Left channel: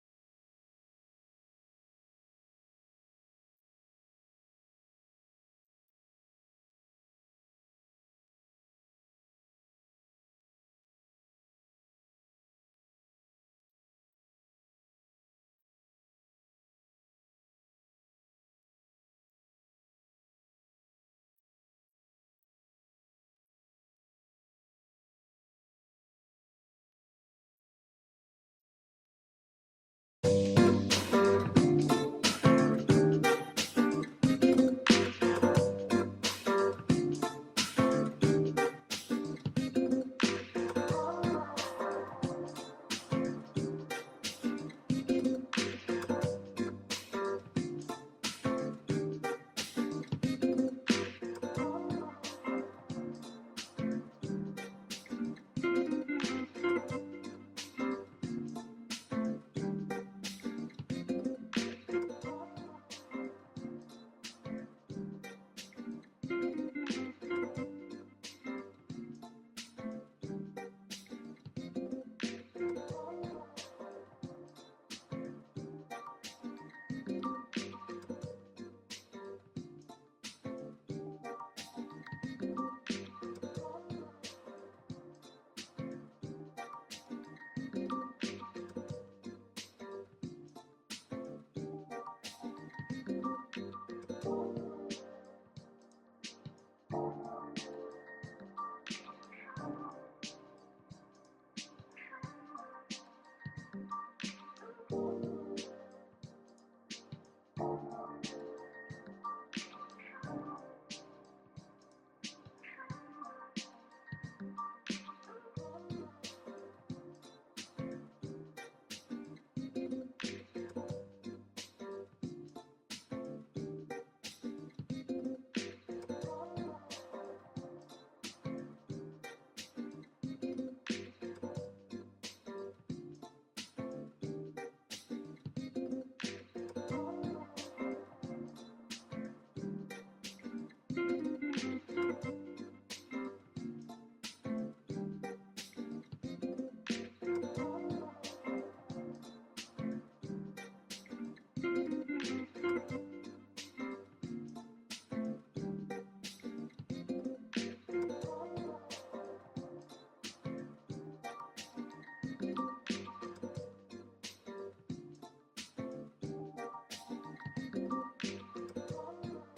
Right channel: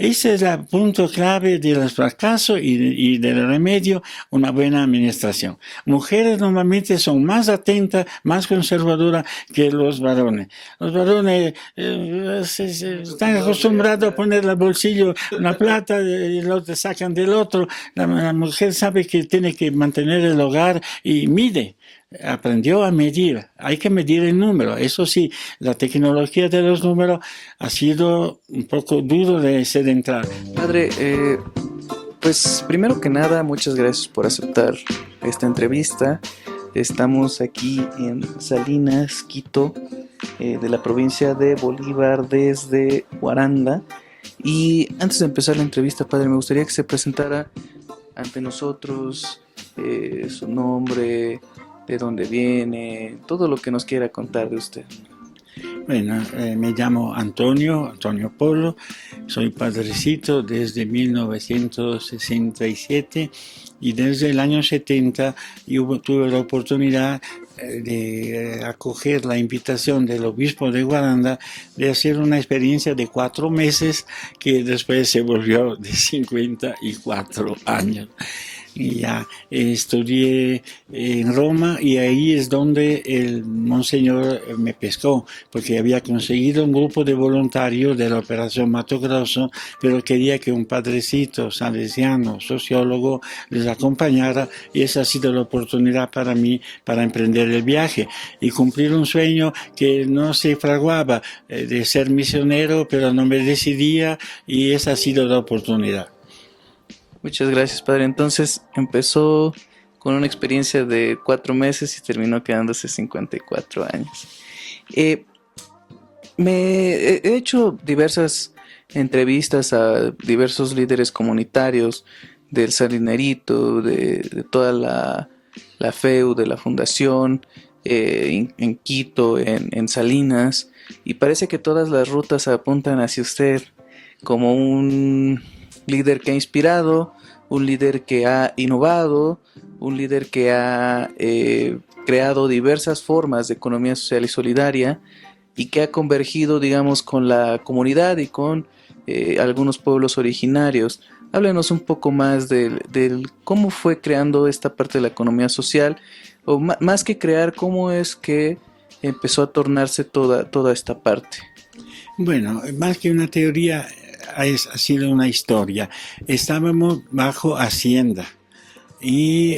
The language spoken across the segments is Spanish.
Ese es el punto clave del fracaso y del remedio, una buena administración. Mujeres normalmente son más atentas, más conservadoras que los varones. Los varones están acostumbrados a poner al bolsillo una plata y lo sacan del otro. La mujer sabe que tiene que mantener el hogar y mide. Aprendió a medir, hay que medir el número. Eso sí, la tecnología de los números ha sido un poco duro de ser entrada. Padre, pues primero que nada, muchas gracias por aceptar esta entrevista. Estamos aquí en Salinas, Quito, de la provincia de Bolívar, desde Huaranda. Y antes de empezar la entrevista, padre, me gustaría que se presentara ante nosotros, su nombre, de dónde viene, todo lo que nos quiera contar de usted. Bueno, me llamo Antonio Polo, soy padrecito desde 1967 y desde el año 70 tuve la oportunidad de acoger la invitación del obispo de Guaranda de hacer una experiencia de 4 meses que después se volvió de 54 años. Y ya estudié en Roma y ahí es donde el monseñor me pescó, porque había conseguido un grupo de voluntarios de la Operación Mato Grosso, pero quería que un padrecito salesiano, sociólogo, les acompañara, y esa ha sido la oportunidad para mí para emprender el viaje y cumplir un sueño que no se fraguaba, de ser misionero, pero no me decidía, y esa ha sido la oportunidad. Muchas gracias, padre. Entonces empezó con una experiencia de 4 meses y terminó quedándose 54 años. Eh, he hecho diversas entrevistas a diversos líderes comunitarios del Salinerito, de toda la FEU, de la fundación, en Quito, en Salinas, y parece que todas las rutas apuntan hacia usted como un líder que ha inspirado, un líder que ha innovado, un líder que ha creado diversas formas de economía social y solidaria y que ha convergido, digamos, con la comunidad y con algunos pueblos originarios. Háblenos un poco más del cómo fue creando esta parte de la economía social, o más que crear, cómo es que empezó a tornarse toda esta parte. Bueno, más que una teoría, ha sido una historia. Estábamos bajo Hacienda y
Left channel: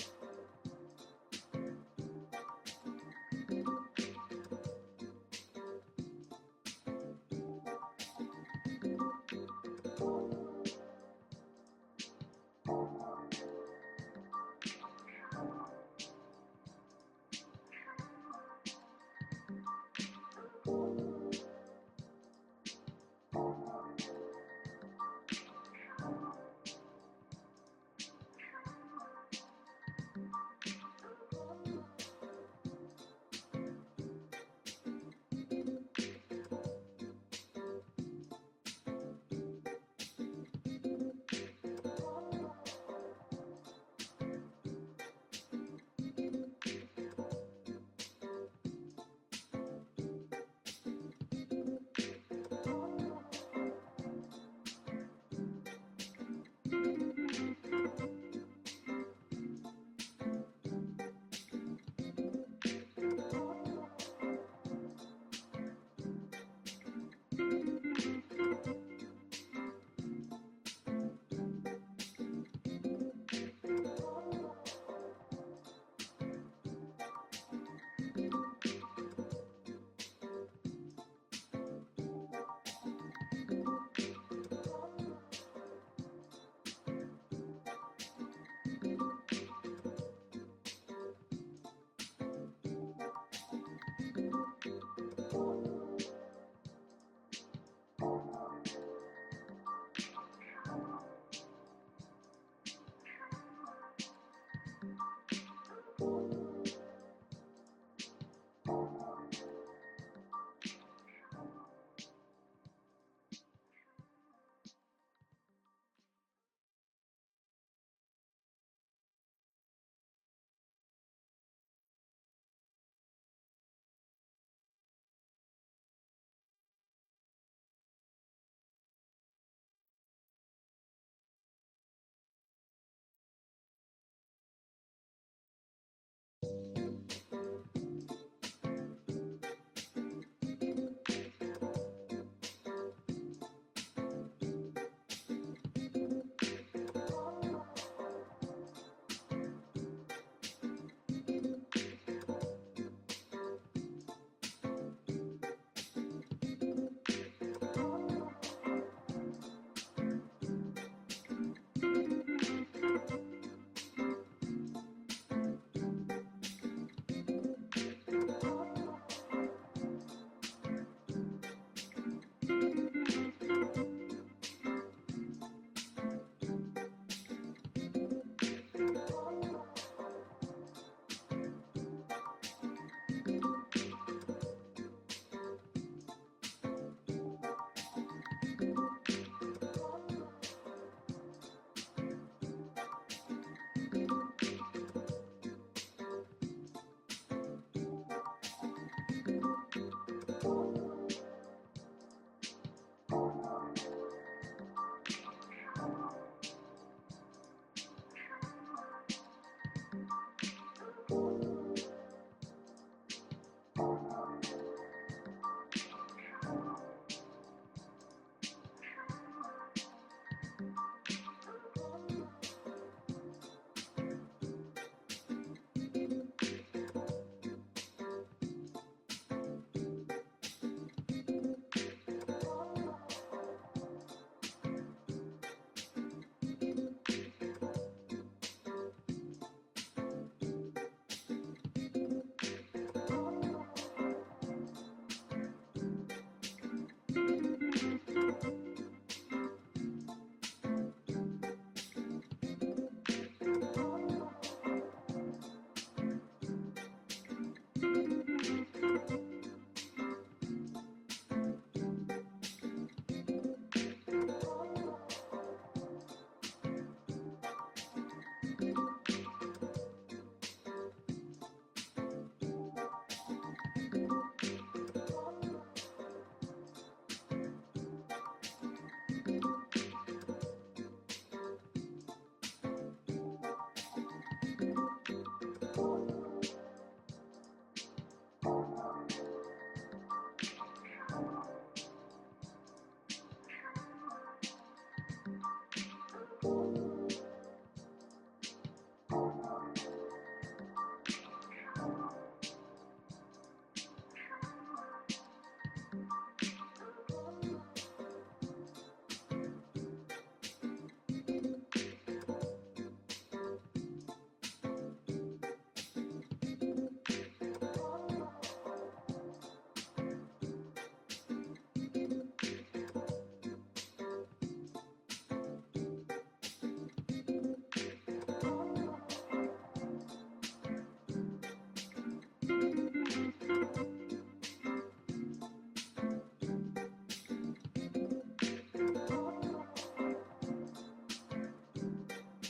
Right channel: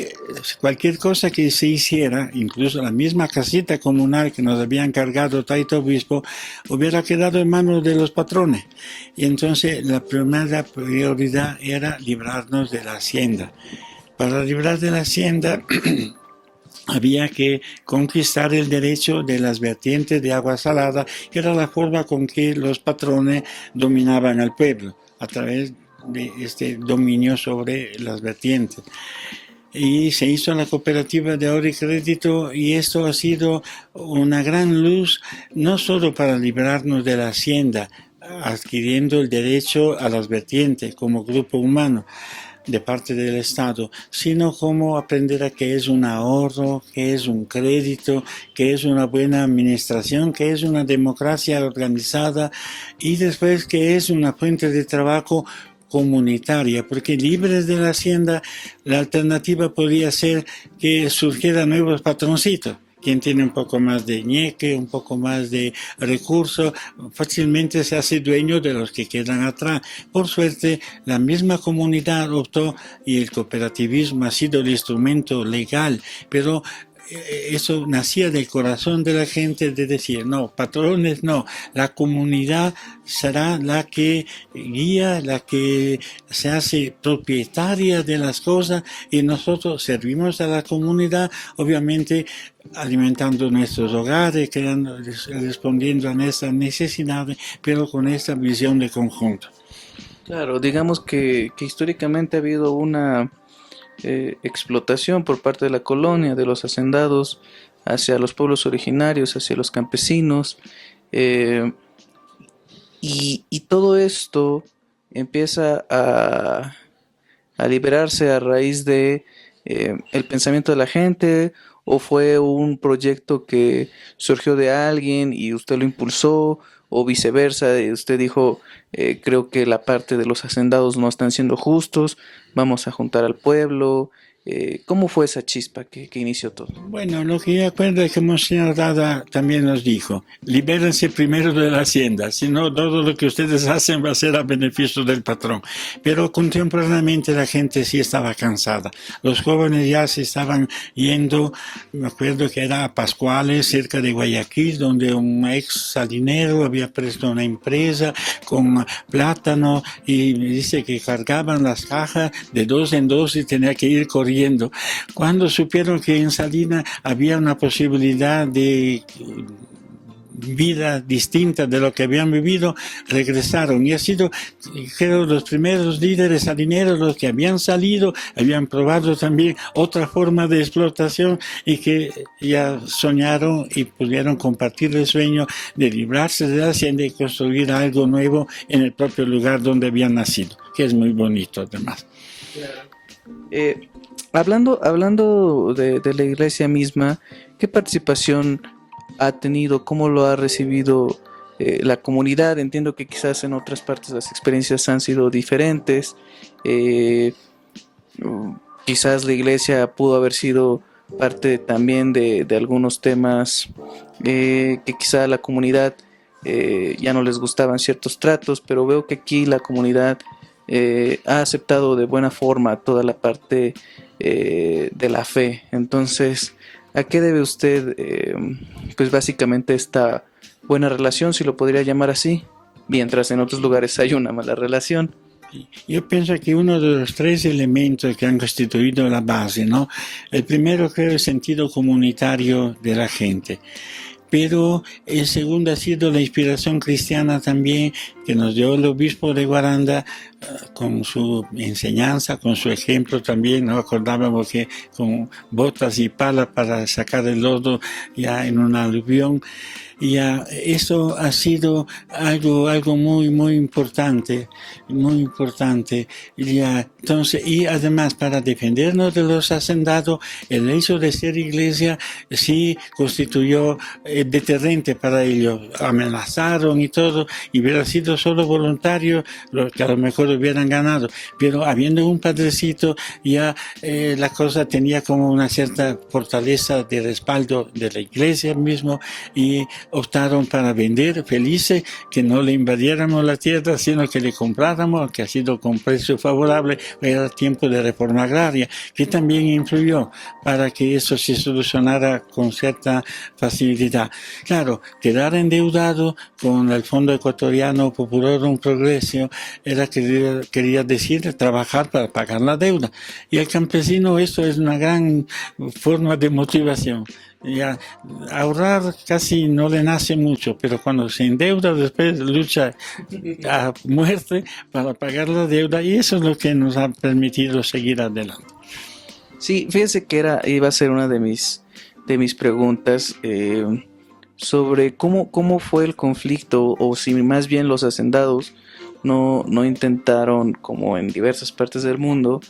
cualquier cosa que se hiciera, incluso la misma casita comunal que nos había encargado Taito Obispo, hubiera quedado en manos de los patrones. Y entonces la primera prioridad era librarnos de la Hacienda. Para librar de la Hacienda había que conquistar el derecho de las vertientes de agua salada, que era la forma con que los patrones dominaban al pueblo, a través de este dominio sobre las vertientes. Y se hizo la cooperativa de ahorro y crédito, y esto ha sido una gran luz, no solo para librarnos de la hacienda, adquiriendo el derecho a las vertientes como grupo humano de parte del Estado, sino cómo aprender a qué es un ahorro, qué es un crédito, qué es una buena administración, qué es una democracia organizada, y después qué es una fuente de trabajo comunitaria, porque libres de la hacienda, la alternativa podría ser que surgieran nuevos patroncitos. Quien tiene un poco más de ñeque, un poco más de recursos, fácilmente se hace dueño de los que quedan atrás. Por suerte, la misma comunidad optó y el cooperativismo ha sido el instrumento legal, pero eso nacía del corazón de la gente, de decir, no, patrones no, la comunidad será la que guía, la que se hace propietaria de las cosas, y nosotros servimos a la comunidad, obviamente alimentando nuestros hogares, respondiendo a nuestras necesidades, pero con esta visión de conjunto. Claro, digamos que históricamente ha habido una explotación por parte de la colonia, de los hacendados, hacia los pueblos originarios, hacia los campesinos, eh, y todo esto empieza a liberarse a raíz de el pensamiento de la gente, o fue un proyecto que surgió de alguien y usted lo impulsó, o viceversa. Usted dijo, creo que la parte de los hacendados no están siendo justos, vamos a juntar al pueblo. ¿Cómo fue esa chispa que inició todo? Bueno, lo que yo acuerdo es que Monseñor Dada también nos dijo, libérense primero de la hacienda, si no todo lo que ustedes hacen va a ser a beneficio del patrón. Pero contemporáneamente la gente sí estaba cansada. Los jóvenes ya se estaban yendo, me acuerdo que era a Pascuales, cerca de Guayaquil, donde un ex salinero había puesto una empresa con plátano y dice que cargaban las cajas de dos en dos y tenía que ir corriendo. Cuando supieron que en Salinas había una posibilidad de vida distinta de lo que habían vivido, regresaron. Y ha sido, creo, los primeros líderes salineros los que habían salido, habían probado también otra forma de explotación y que ya soñaron y pudieron compartir el sueño de librarse de la hacienda y construir algo nuevo en el propio lugar donde habían nacido, que es muy bonito además. Hablando de la iglesia misma, ¿qué participación ha tenido? ¿Cómo lo ha recibido la comunidad? Entiendo que quizás en otras partes las experiencias han sido diferentes. Eh, Quizás la iglesia pudo haber sido parte también de algunos temas que quizá a la comunidad ya no les gustaban ciertos tratos, pero veo que aquí la comunidad ha aceptado de buena forma toda la parte de la fe. Entonces, ¿a qué debe usted, pues básicamente esta buena relación, si lo podría llamar así? Mientras en otros lugares hay una mala relación. Yo pienso que uno de los tres elementos que han constituido la base, ¿no? El primero creo es el sentido comunitario de la gente. Pero el segundo ha sido la inspiración cristiana también que nos dio el obispo de Guaranda con su enseñanza, con su ejemplo también. Nos acordábamos que con botas y palas para sacar el lodo ya en una aluvión. Y eso ha sido algo muy importante, muy importante. Entonces, y además para defendernos de los hacendados, el hecho de ser iglesia sí constituyó deterrente para ellos. Amenazaron y todo, y hubiera sido solo voluntario, los que a lo mejor hubieran ganado. Pero habiendo un padrecito, ya la cosa tenía como una cierta fortaleza de respaldo de la iglesia mismo, y optaron para vender felices, que no le invadiéramos la tierra, sino que le compráramos, que ha sido con precio favorable. Era tiempo de reforma agraria, que también influyó para que eso se solucionara con cierta facilidad. Claro, quedar endeudado con el Fondo Ecuatoriano Populorum Progressio quería decir trabajar para pagar la deuda. Y al campesino esto es una gran forma de motivación. Ya, ahorrar casi no le nace mucho, pero cuando se endeuda después lucha a muerte para pagar la deuda, y eso es lo que nos ha permitido seguir adelante. Sí, fíjese que iba a ser una de mis preguntas sobre cómo fue el conflicto, o si más bien los hacendados no intentaron, como en diversas partes del mundo,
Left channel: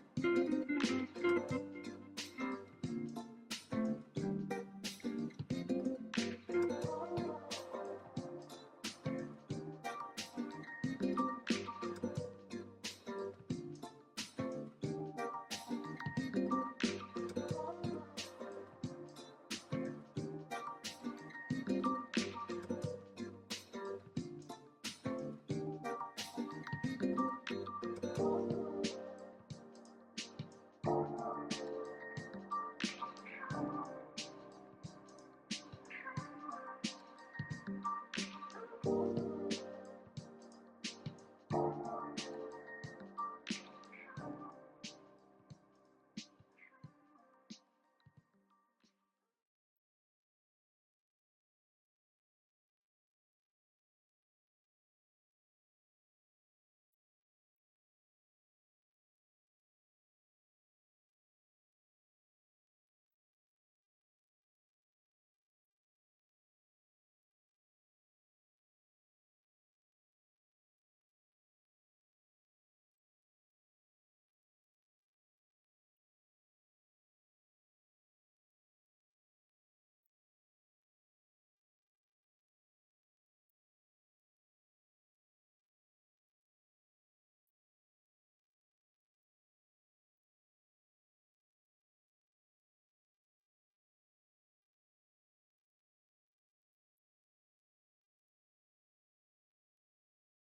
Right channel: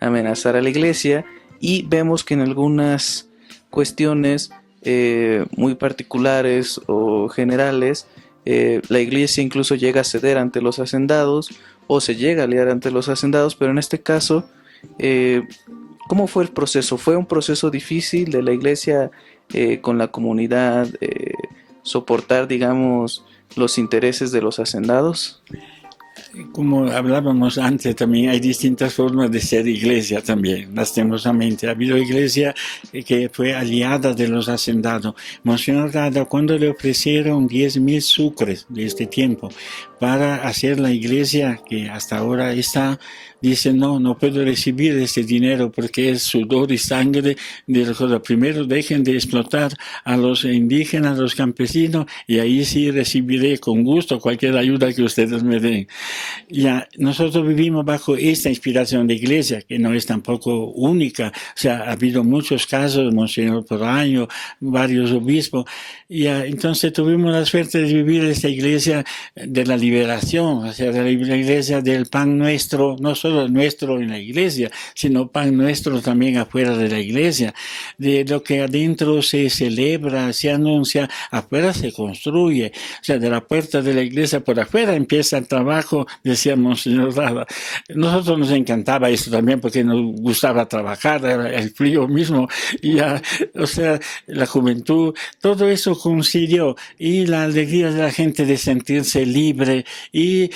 amenazar a la iglesia, y vemos que en algunas cuestiones muy particulares o generales, la iglesia incluso llega a ceder ante los hacendados o se llega a aliar ante los hacendados, pero en este caso, ¿cómo fue el proceso? ¿Fue un proceso difícil de la iglesia con la comunidad soportar, digamos, los intereses de los hacendados? Como hablábamos antes, también hay distintas formas de ser iglesia también, lastimosamente. Ha habido iglesia que fue aliada de los hacendados. Monseñor Dada, cuando le ofrecieron 10.000 sucres de este tiempo para hacer la iglesia que hasta ahora está, dice, no puedo recibir ese dinero porque es sudor y sangre de los cosas. Primero dejen de explotar a los indígenas, a los campesinos, y ahí sí recibiré con gusto cualquier ayuda que ustedes me den. Ya, nosotros vivimos bajo esta inspiración de iglesia, que no es tampoco única. O sea, ha habido muchos casos, Monseñor Poraño, varios obispos. Ya, entonces tuvimos la suerte de vivir esta iglesia de la liberación, o sea, de la iglesia del pan nuestro, no solo nuestro en la iglesia, sino pan nuestro también afuera de la iglesia, de lo que adentro se celebra, se anuncia, afuera se construye, o sea, de la puerta de la iglesia por afuera empieza el trabajo, decía Monseñor Rada. Nosotros nos encantaba eso también porque nos gustaba trabajar, el frío mismo, y ya, o sea, la juventud, todo eso coincidió, y la alegría de la gente de sentirse libre y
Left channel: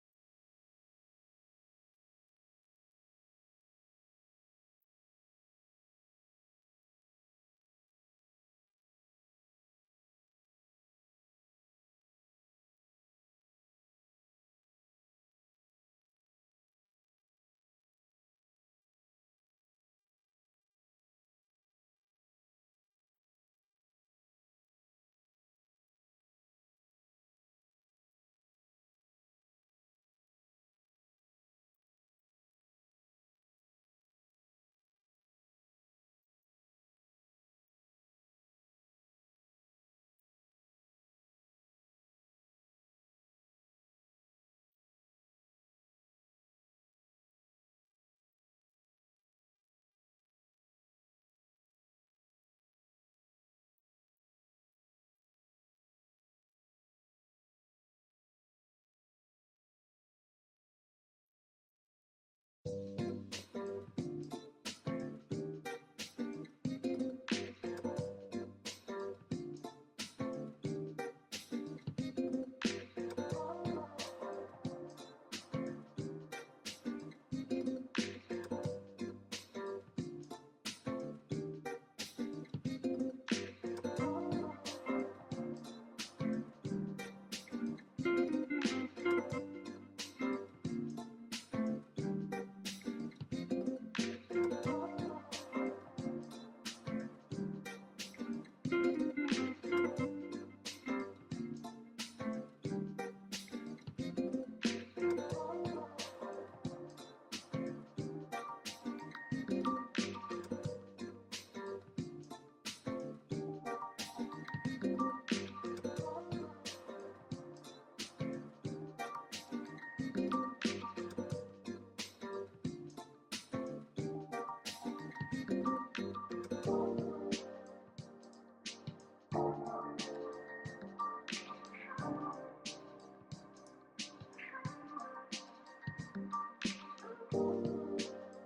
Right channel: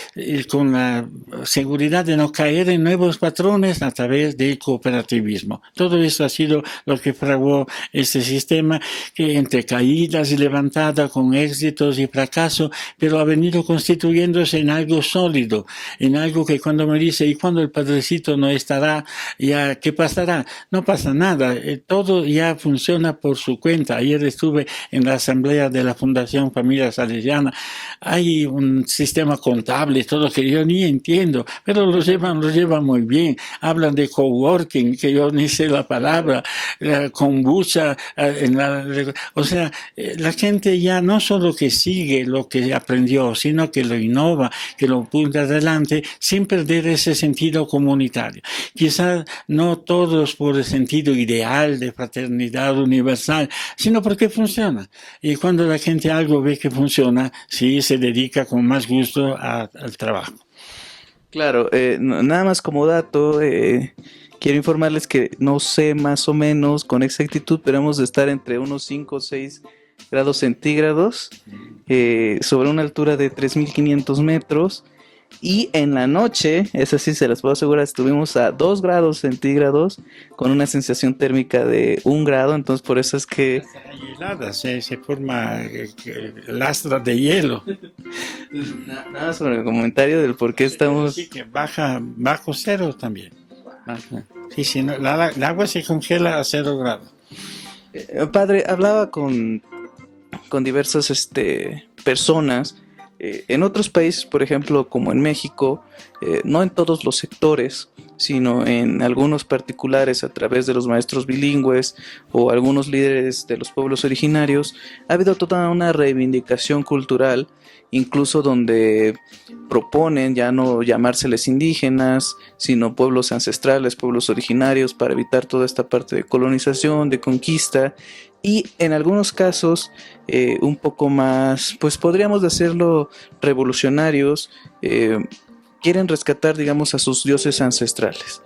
con la seguridad de no caer en nuevos patrones a través del cooperativismo. Todo eso ha sido lo que fraguó este sistema, que entre caídas y levantadas, con éxitos y fracasos, pero ha venido constituyéndose en algo sólido, en algo que cuando me dice, ¿y cuando el padrecito no estará? Ya, ¿qué pasará? No pasa nada, todo ya funciona por su cuenta. Ayer estuve en la asamblea de la Fundación Familia Salesiana. Hay un sistema contable, todo que yo ni entiendo, pero lo llevan muy bien. Hablan de coworking, que yo ni sé la palabra, kombucha, o sea, la gente ya no solo que sigue lo que aprendió, sino que lo innova, que lo punta adelante, sin perder ese sentido comunitario. Quizás no todos por el sentido ideal de fraternidad universal, sino porque funciona. Y cuando la gente algo ve que funciona, sí se dedica con más gusto al trabajo. Claro, nada más como dato, quiero informarles que no sé más o menos con exactitud, pero hemos de estar entre unos 5 o 6 grados centígrados sobre una altura de 3.500 metros. Y en la noche, eso sí se las puedo asegurar, estuvimos a 2 grados centígrados con una sensación térmica de 1 grado, entonces por eso es que... Helada, se forma lastras de hielo. Nada sobre el comentario del por qué estamos... Sí, que bajo cero también. Baja. Sí, sí, no, el agua se congela a 0 grados. Padre, hablaba con diversas personas. En otros países, por ejemplo, como en México, no en todos los sectores, sino en algunos particulares a través de los maestros bilingües o algunos líderes de los pueblos originarios, ha habido toda una reivindicación cultural, incluso donde proponen ya no llamárseles indígenas, sino pueblos ancestrales, pueblos originarios, para evitar toda esta parte de colonización, de conquista. Y en algunos casos un poco más, pues podríamos decirlo, revolucionarios, quieren rescatar, digamos, a sus dioses ancestrales.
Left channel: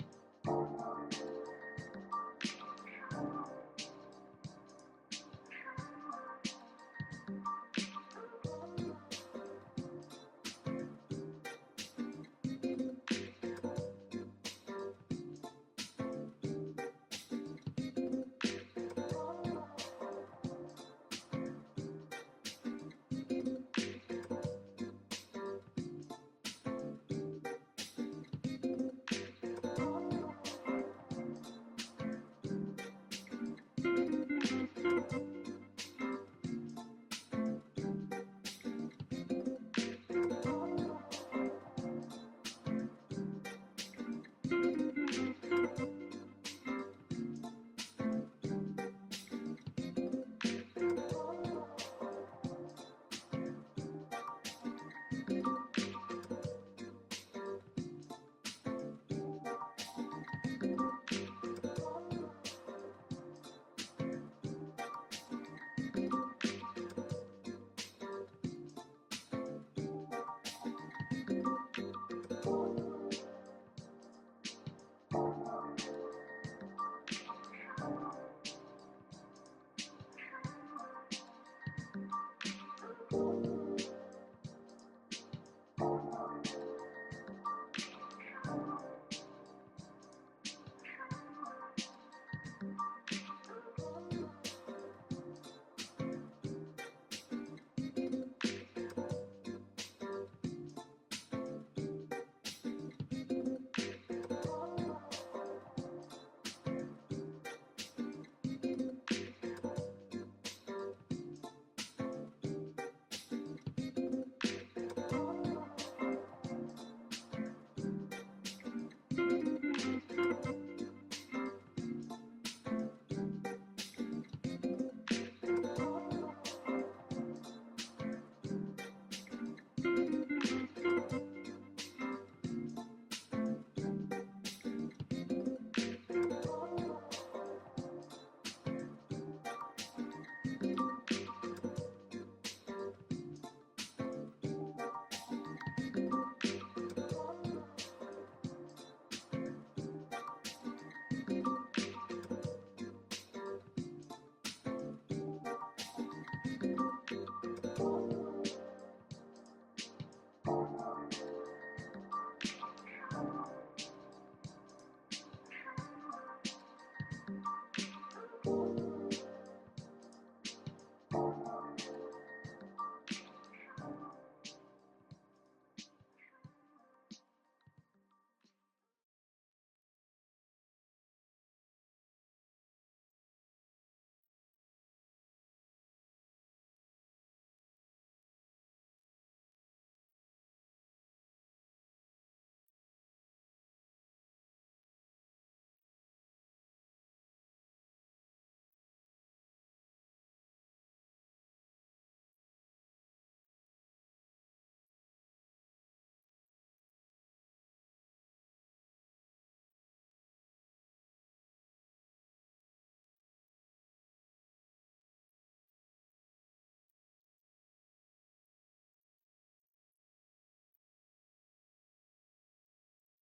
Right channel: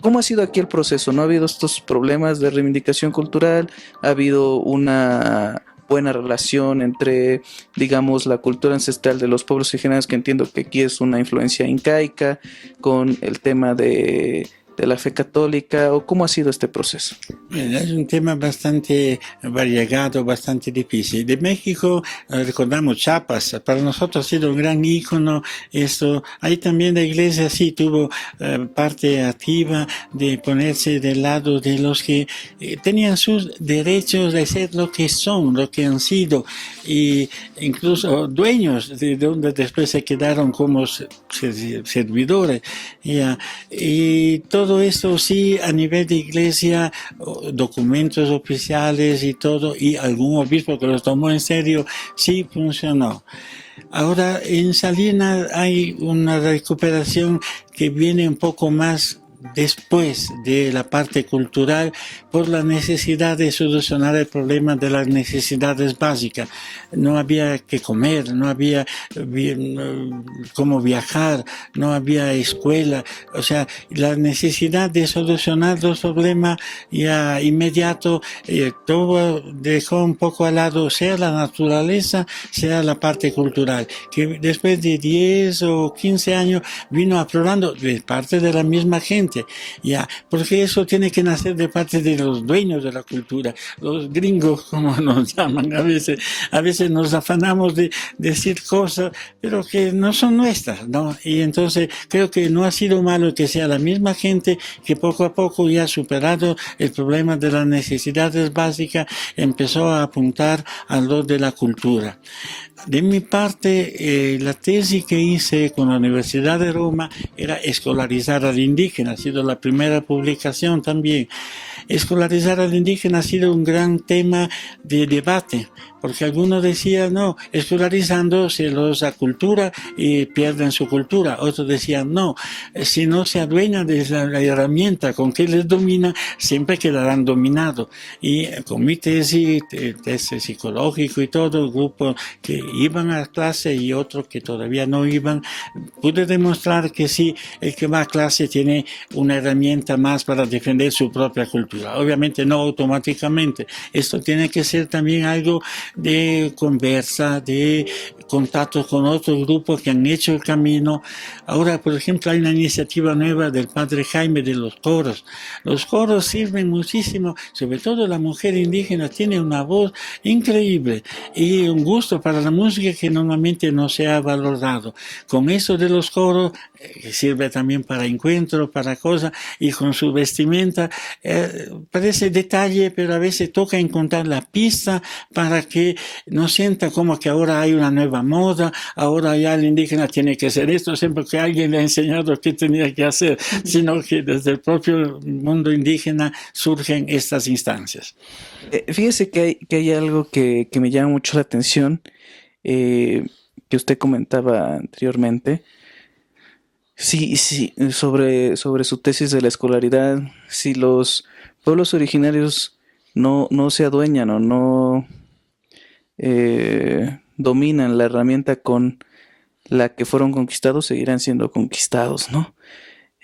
¿Cómo ha sido aquí el proceso? ¿No ha habido estos problemas de reivindicación cultural? ¿Ha habido una buena relación entre, digamos, la cultura ancestral de los pueblos originarios, que entiendo que aquí es una influencia incaica, con el tema de la fe católica, o cómo ha sido este proceso? Es un tema bastante variegado, bastante difícil. De México recordamos Chiapas, para nosotros ha sido un gran ícono esto. Ahí también la iglesia sí tuvo parte activa de ponerse del lado de los que tenían sus derechos de ser lo que son, lo que han sido, e incluso dueños de donde después se quedaron como servidores. Y todo esto sí a nivel de iglesia, documentos oficiales y todo, y algún obispo que los tomó en serio, sí funcionó. Ahora en Salinas hay una recuperación que viene un poco más después de la parte cultural, por la necesidad de solucionar el problema de las necesidades básicas. No había que comer, no había cómo viajar, no había escuela, o sea, la necesidad de solucionar los problemas ya inmediato, todo dejó un poco al lado, sea la naturaleza, sea la parte cultural, que después de 10 o 15 años vino aflorando de parte de la misma gente, gente, ya, porque eso tiene que nacer de parte de los dueños de la cultura, los gringos, como nos llaman a veces nos afanamos de decir cosas, pero que no son nuestras, ¿no? Y entonces creo que no ha sido malo que sea la misma gente que poco a poco ya ha superado el problema de las necesidades básicas, empezó a apuntar a lo de la cultura. De mi parte, la tesis que hice con la Universidad de Roma era escolarizar al indígena, ha sido la primera publicación también. Escolarizar al indígena ha sido un gran tema de debate, porque algunos decían, no, escolarizando se los acultura y pierden su cultura. Otros decían, no, si no se adueñan de la herramienta con que les domina, siempre quedarán dominados. Y con mi tesis psicológico y todo, grupos que iban a clase y otros que todavía no iban, pude demostrar que sí, el que va a clase tiene una herramienta más para defender su propia cultura. Obviamente no automáticamente. Esto tiene que ser también algo de conversa, de contacto con otros grupos que han hecho el camino. Ahora, por ejemplo, hay una iniciativa nueva del padre Jaime de los coros. Los coros sirven muchísimo, sobre todo la mujer indígena tiene una voz increíble y un gusto para la música que normalmente no se ha valorado. Con eso de los coros, que sirve también para encuentros, para cosas, y con su vestimenta, parece detalle, pero a veces toca encontrar la pista para que no sienta como que ahora hay una nueva moda, ahora ya el indígena tiene que hacer esto, siempre que alguien le ha enseñado qué tenía que hacer, sino que desde el propio mundo indígena surgen estas instancias. Fíjese que hay algo que me llama mucho la atención, que usted comentaba anteriormente. Sí, sí, sobre su tesis de la escolaridad, si los pueblos originarios no se adueñan o no dominan la herramienta con la que fueron conquistados, seguirán siendo conquistados, ¿no?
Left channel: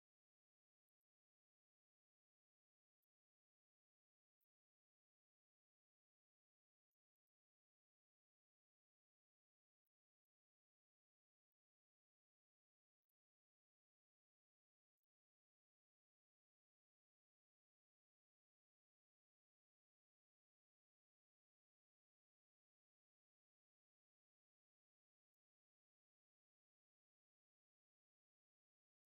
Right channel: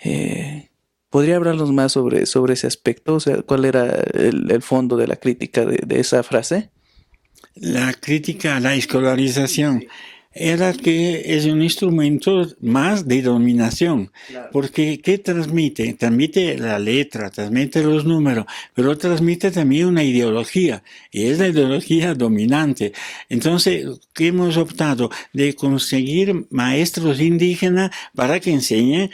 Eh, ¿Podría hablarnos más sobre ese aspecto? O sea, ¿cuál era el fondo de la crítica de esa frase? La crítica a la escolarización era que es un instrumento más de dominación, porque ¿qué transmite? Transmite la letra, transmite los números, pero transmite también una ideología, y es la ideología dominante. Entonces, ¿qué hemos optado? De conseguir maestros indígenas para que enseñen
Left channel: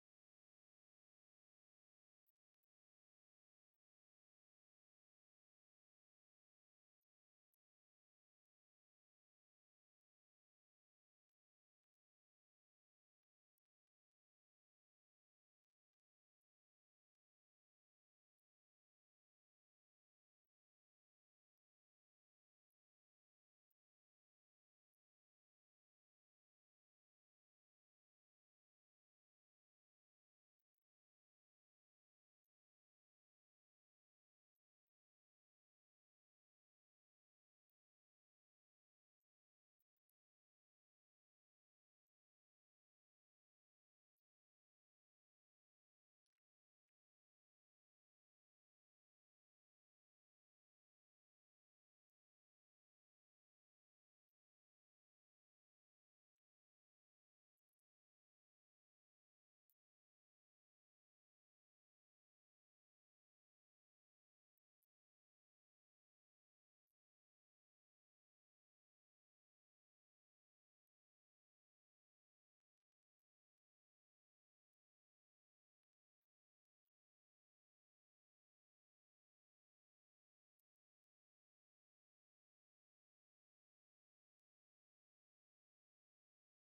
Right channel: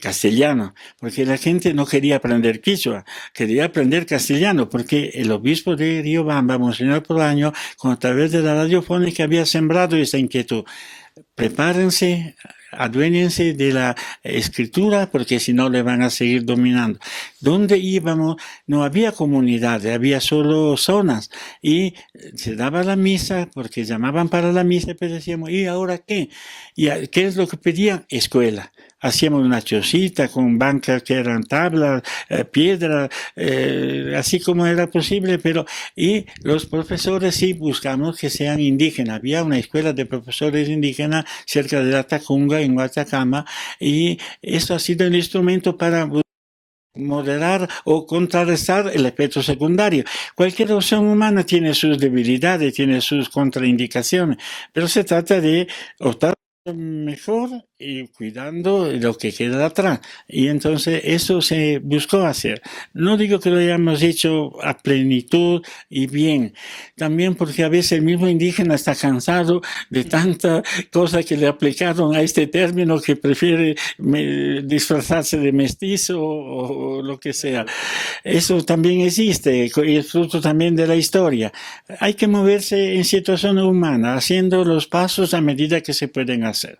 castellano, porque la gente no quería aprender quichua, quería aprender castellano, porque el obispo de Riobamba, Monseñor Polaño, a través de la radiofónica había sembrado esa inquietud. Prepárense, aduéñense de la escritura, porque si no le van a seguir dominando. Donde íbamos no había comunidades, había solo zonas, y se daba la misa, porque llamaban para la misa, pero decíamos, ¿y ahora qué? ¿Y qué es lo que pedían? Escuela. Hacíamos una chocita con bancas que eran tablas, piedra, así como era posible, pero y los profesores sí buscamos que sean indígenas. Había una escuela de profesores indígenas cerca de la Tacunga, en Guatacama, y eso ha sido el instrumento para moderar o contrarrestar el efecto secundario. Cualquier opción humana tiene sus debilidades, tiene sus contraindicaciones, pero se trata de optar mejor y cuidando lo que queda atrás. Y entonces eso se buscó hacer. No digo que lo hayamos hecho a plenitud y bien, también porque a veces el mismo indígena está cansado de tanta cosa que le aplicaron a este término que prefiere disfrazarse de mestizo o lo que sea. Eso también existe y es fruto también de la historia. Hay que moverse en situación humana, haciendo los pasos a medida que se pueden hacer.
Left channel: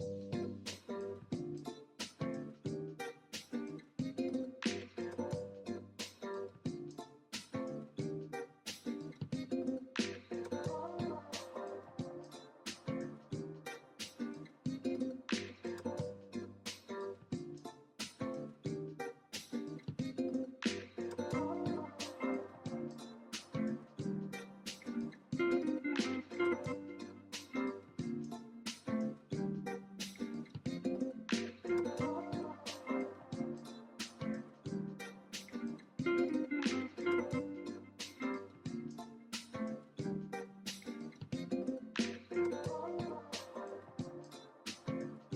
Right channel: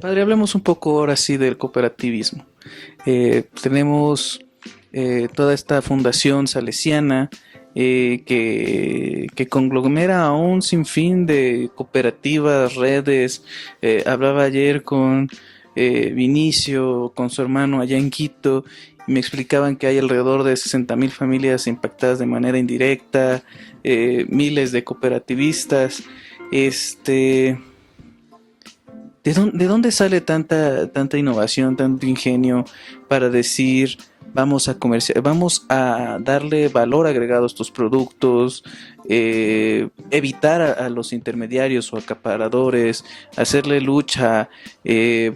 Padre, hablemos un poco ahora sí del cooperativismo. Tenemos toda esta fundación salesiana que conglomera a un sinfín de cooperativas, redes. Hablaba ayer con Vinicio, con su hermano allá en Quito, y me explicaban que hay alrededor de 60.000 familias impactadas de manera indirecta, miles de cooperativistas. Este, de dónde sale tanta innovación, tanto ingenio para decir vamos a darle valor agregado a estos productos? evitar a los intermediarios o acaparadores, hacerle lucha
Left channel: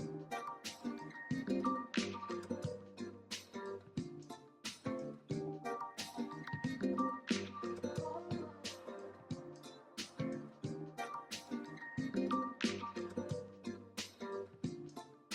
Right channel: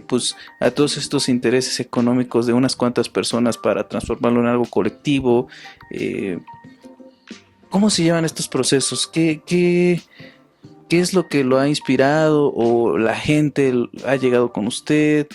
pues a todos estos intereses económicos de unas cuantas personas para transformarlo en algo colectivo. Eh, ¿Cómo se llevan estos procesos? ¿Qué es lo que lo ha inspirado o la gente ha llegado con usted?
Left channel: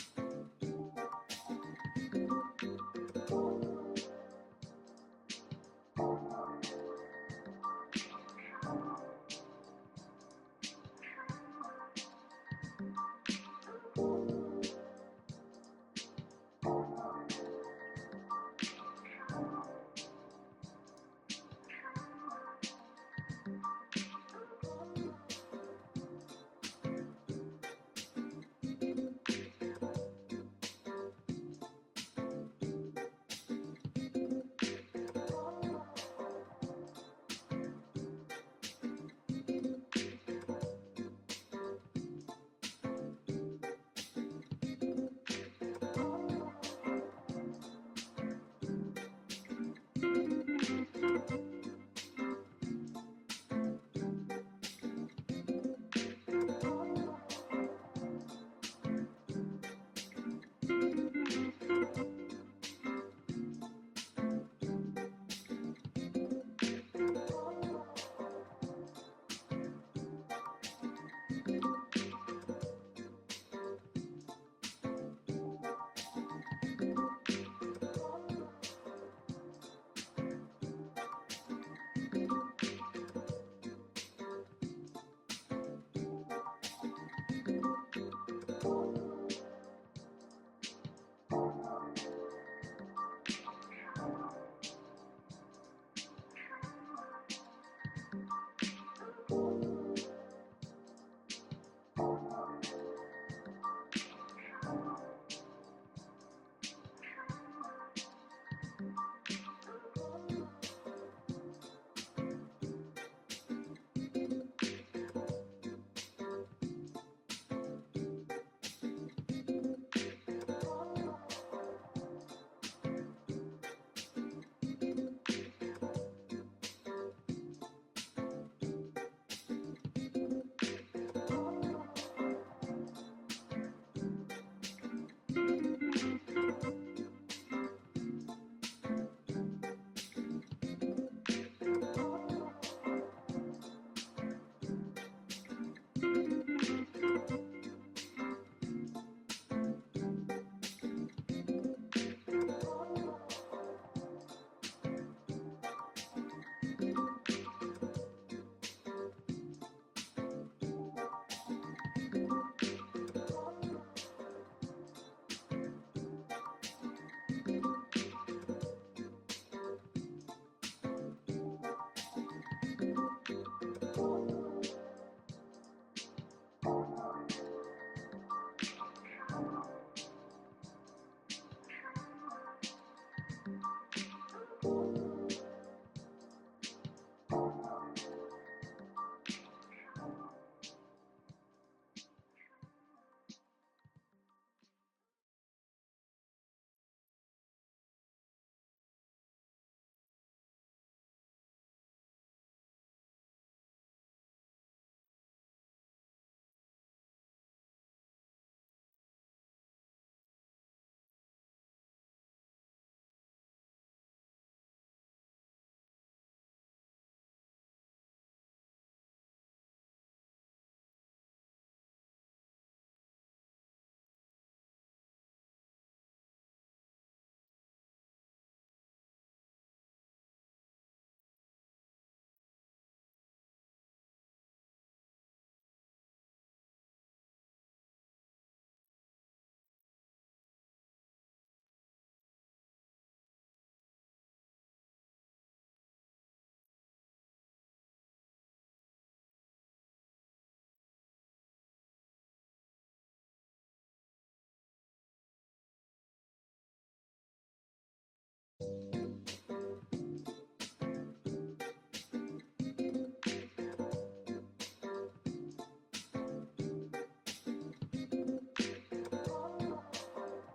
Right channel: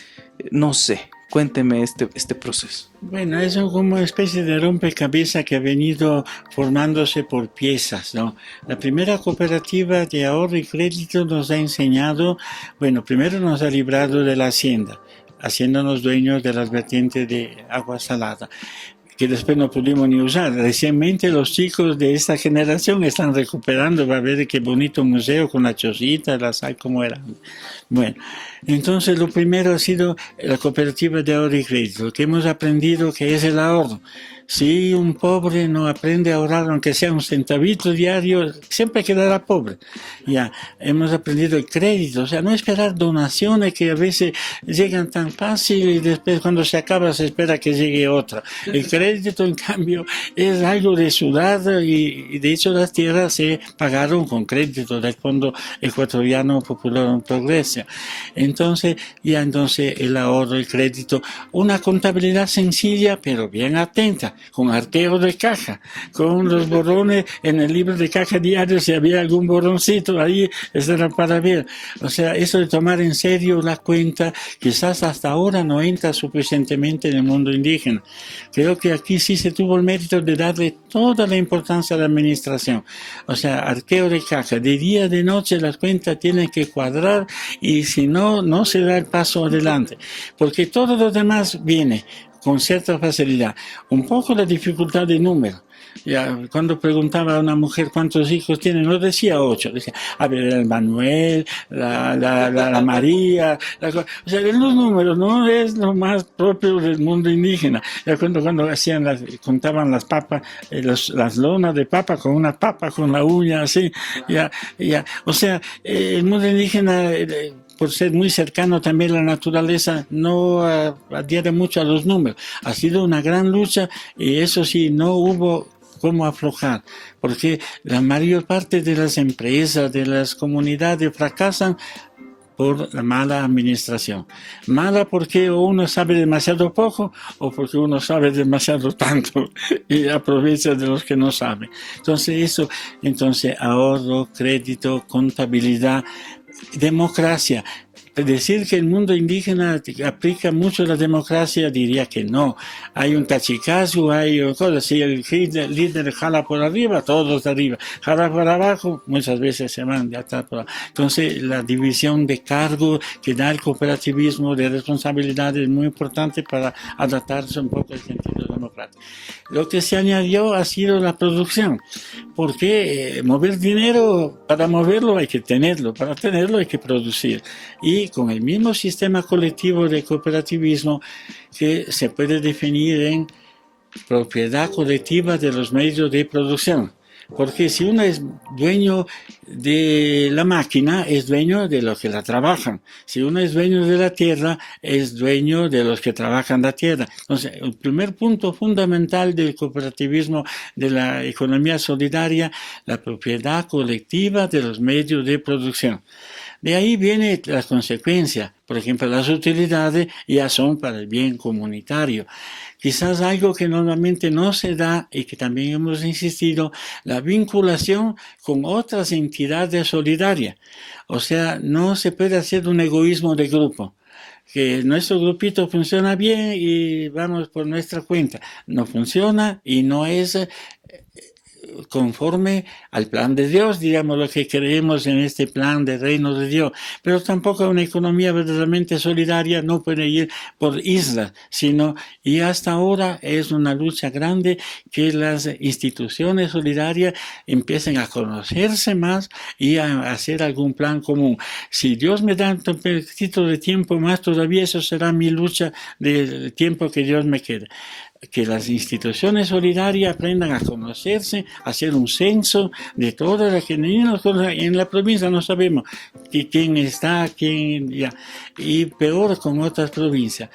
No sé, cuénteme este proceso. Bueno, es como una especie de rompecabezas que ha venido formándose por piezas, ¿no? La primera cooperativa de ahorro y crédito nos ha enseñado, bueno, primero nos ha librado de la hacienda, haciéndonos dueños de las vertientes de agua salada, que después no pudimos ni usar. Recientemente los chicos de esta generación están recuperando, va a ver qué bonito museo con la chocita, la sal, como era. Bueno, entonces lo primero ha sido la cooperativa de ahorro y crédito, que hemos aprendido que es el ahorro. Si un pobre no aprende a ahorrar, aunque sea un centavito diario, siempre quedará pobre. Ya, hemos aprendido el crédito, o sea, no esperar donaciones que a veces llegan tan fácil y después cuando se acaba se espera que llegue otra. El crédito, en cambio, es algo de sudado y de hecho las tierras se pagaron con crédito del Fondo Ecuatoriano Popular Progreso. Entonces el ahorro, el crédito, una contabilidad sencilla pero bien atenta, con arqueo de caja, con los borrones en el libro de caja diario, si había algún borroncito ahí, eso era para ver. O sea, eso de tomar en serio la cuenta, quizás hasta ahora no entra suficientemente en el mundo indígena. Creo que aquí sí se tuvo el mérito de darle toda la importancia a la administración. O sea, arqueo de caja, de día, de noche las cuentas tienen que cuadrar y si no, no se da el paso adelante. Porque todo lo demás viene con cierta facilidad. Un poco la dificultad de número. Ya, cuando preguntaba a una mujer cuántos hijos tiene, no decía 8, decía, a ver, el Manuel, la María, o sea, los números no es lo más propio del mundo indígena. Ya cuando hacían contaban las papas, las lonas de papa con una papa con la uña así, o sea, el mundo indígena por ser muy cercano también a la naturaleza, no adhiere mucho a los números. Ha sido una gran lucha y eso sí, no hubo cómo aflojar, porque la mayor parte de las empresas, de las comunidades fracasan por la mala administración. Mala porque uno sabe demasiado poco o porque uno sabe demasiado tanto y aprovecha de los que no saben. Entonces ahorro, crédito, contabilidad, democracia. Decir que el mundo indígena aplica mucho la democracia, diría que no. Hay un cachicazo, hay cosas. Si el líder jala por arriba, todos de arriba. Jala por abajo, muchas veces se van de atrás por abajo. Entonces, la división de cargos que da el cooperativismo de responsabilidad es muy importante para adaptarse un poco al sentido democrático. Lo que se añadió ha sido la producción, porque mover dinero, para moverlo hay que tenerlo, para tenerlo hay que producir. Y con el mismo sistema colectivo de cooperativismo que se puede definir en propiedad colectiva de los medios de producción. Porque si uno es dueño de la máquina, es dueño de los que la trabajan. Si uno es dueño de la tierra, es dueño de los que trabajan la tierra. Entonces, el primer punto fundamental del cooperativismo, de la economía solidaria, la propiedad colectiva de los medios de producción. De ahí viene la consecuencia. Por ejemplo, las utilidades ya son para el bien comunitario. Quizás algo que normalmente no se da y que también hemos insistido, la vinculación con otras entidades solidarias. O sea, no se puede hacer un egoísmo de grupo, que nuestro grupito funciona bien y vamos por nuestra cuenta. No funciona y no es conforme al plan de Dios, digamos lo que creemos en este plan del reino de Dios. Pero tampoco una economía verdaderamente solidaria no puede ir por islas, y hasta ahora es una lucha grande que las instituciones solidarias empiecen a conocerse más y a hacer algún plan común. Si Dios me da un poquito de tiempo más, todavía eso será mi lucha del tiempo que Dios me quede. Que las instituciones solidarias aprendan a conocerse, a hacer un censo de todas las que en la provincia no sabemos quién está, quién ya, y peor con otras provincias.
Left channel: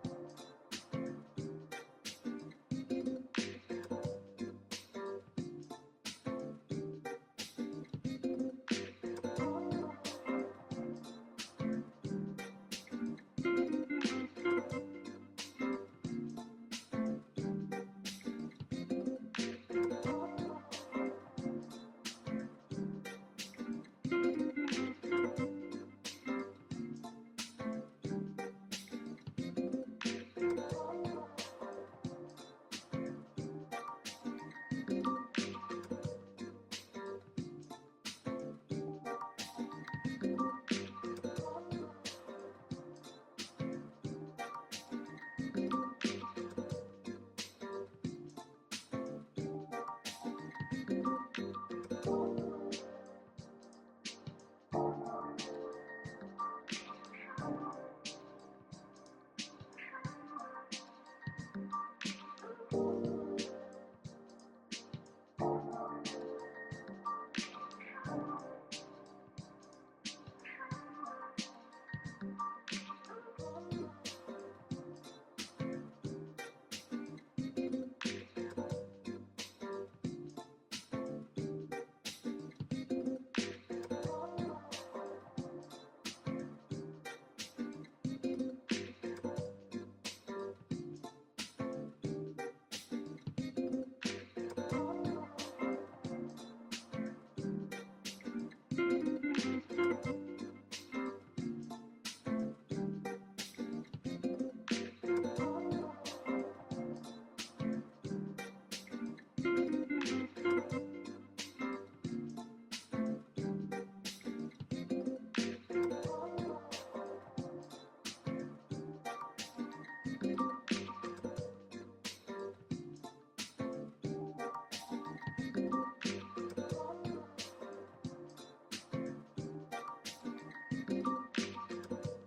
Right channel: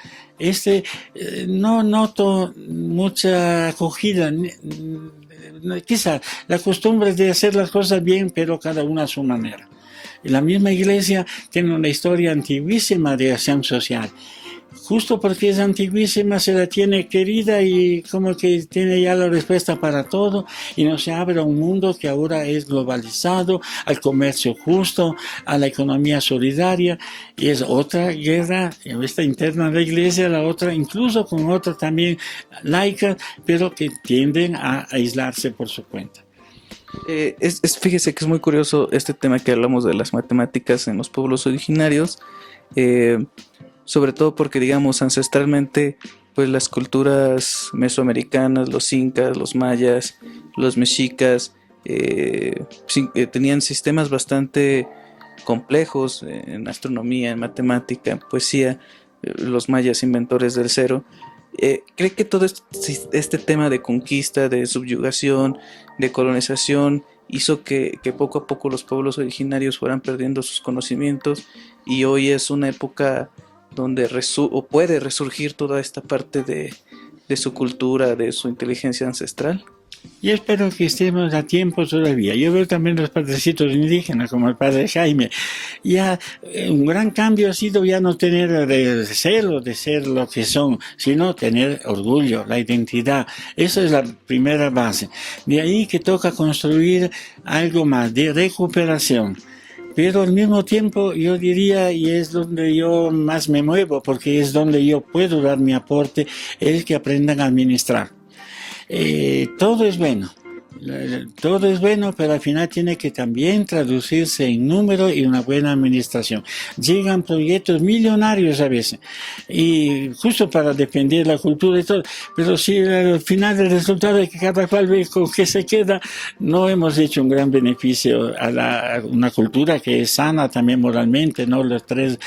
No noto mucha acogida, quizás la costumbre de hacer las cosas bien, pero cada uno a su manera. La misma iglesia tiene una historia antiguísima de acción social. Justo porque es antiguísima, se la tiene querida y como que tiene ya la respuesta para todo y nos se abre a un mundo que ahora es globalizado, al comercio justo, a la economía solidaria, y es otra guerra, esta interna de la iglesia, la otra incluso con otra también laica, pero que tienden a aislarse por su cuenta. Fíjese que es muy curioso este tema que hablamos de las matemáticas en los pueblos originarios, eh, sobre todo porque, digamos, ancestralmente, pues las culturas mesoamericanas, los incas, los mayas, los mexicas, tenían sistemas bastante complejos en astronomía, en matemática, en poesía, los mayas inventores del cero. ¿Cree que todo este tema de conquista, de subyugación, de colonización, hizo que poco a poco los pueblos originarios fueran perdiendo sus conocimientos y hoy es una época donde o puede resurgir toda esta parte de su cultura, de su inteligencia ancestral? Y espero que estemos a tiempo todavía. Yo veo también los padrecitos indígenas, como el padre Jaime. Ya un gran cambio ha sido ya no tener recelo de ser lo que son, sino tener orgullo, la identidad. Esa es la primera base. De ahí que toca construir algo más de recuperación. Pero al mismo tiempo yo diría, y es donde yo más me muevo, porque es donde yo puedo dar mi aporte, es que aprendan a administrar. Todo es bueno, todo es bueno, pero al final tiene que también traducirse en número y una buena administración. Llegan proyectos millonarios a veces, y justo para defender la cultura y todo, pero si al final el resultado es que cada cual ve con qué se queda, no hemos hecho un gran beneficio a una cultura que es sana también moralmente, ¿no? Los tres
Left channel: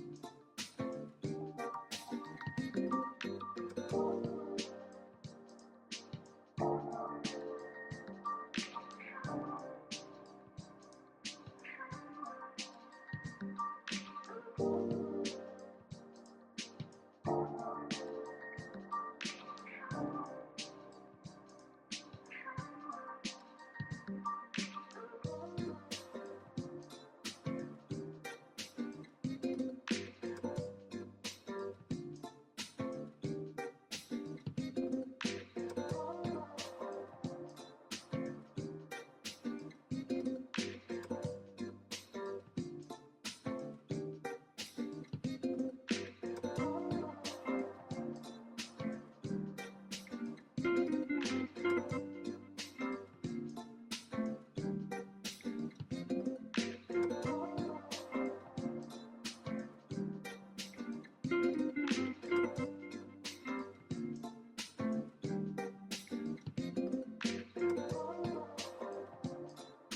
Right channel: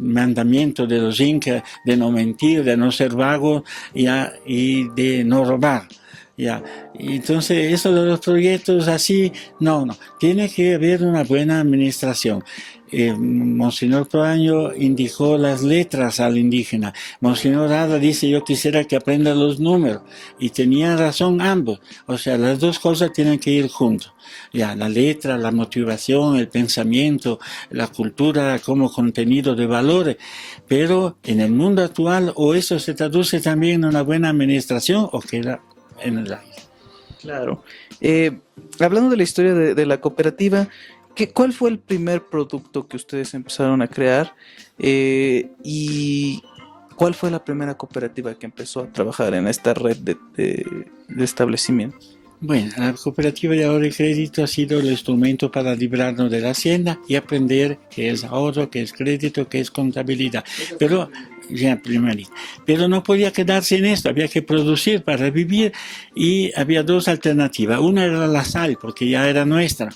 mandamientos de los incas, de no mentir, de no ser vago, ya, y de no robar. Ya, entonces eso de los proyectos así, no, tiene que haber una buena administración. Monseñor Proaño indicó las letras al indígena. Monseñor Rada dice, yo quisiera que aprenda los números. Y tenía razón ambos. O sea, las dos cosas tienen que ir juntos. Ya, la letra, la motivación, el pensamiento, la cultura como contenido de valores. Pero en el mundo actual, o eso se traduce también en una buena administración, o queda en el aire. Claro. Hablando de la historia de la cooperativa, ¿cuál fue el primer producto que ustedes empezaron a crear? ¿Y cuál fue la primera cooperativa que empezó a trabajar en esta red de establecimientos? Bueno, la cooperativa de ahorro y crédito ha sido el instrumento para librarnos de la hacienda y aprender qué es ahorro, qué es crédito, qué es contabilidad. Pero, ya primerito. Pero no podía quedarse en esto, había que producir para vivir y había dos alternativas. Una era la sal, porque ya era nuestra,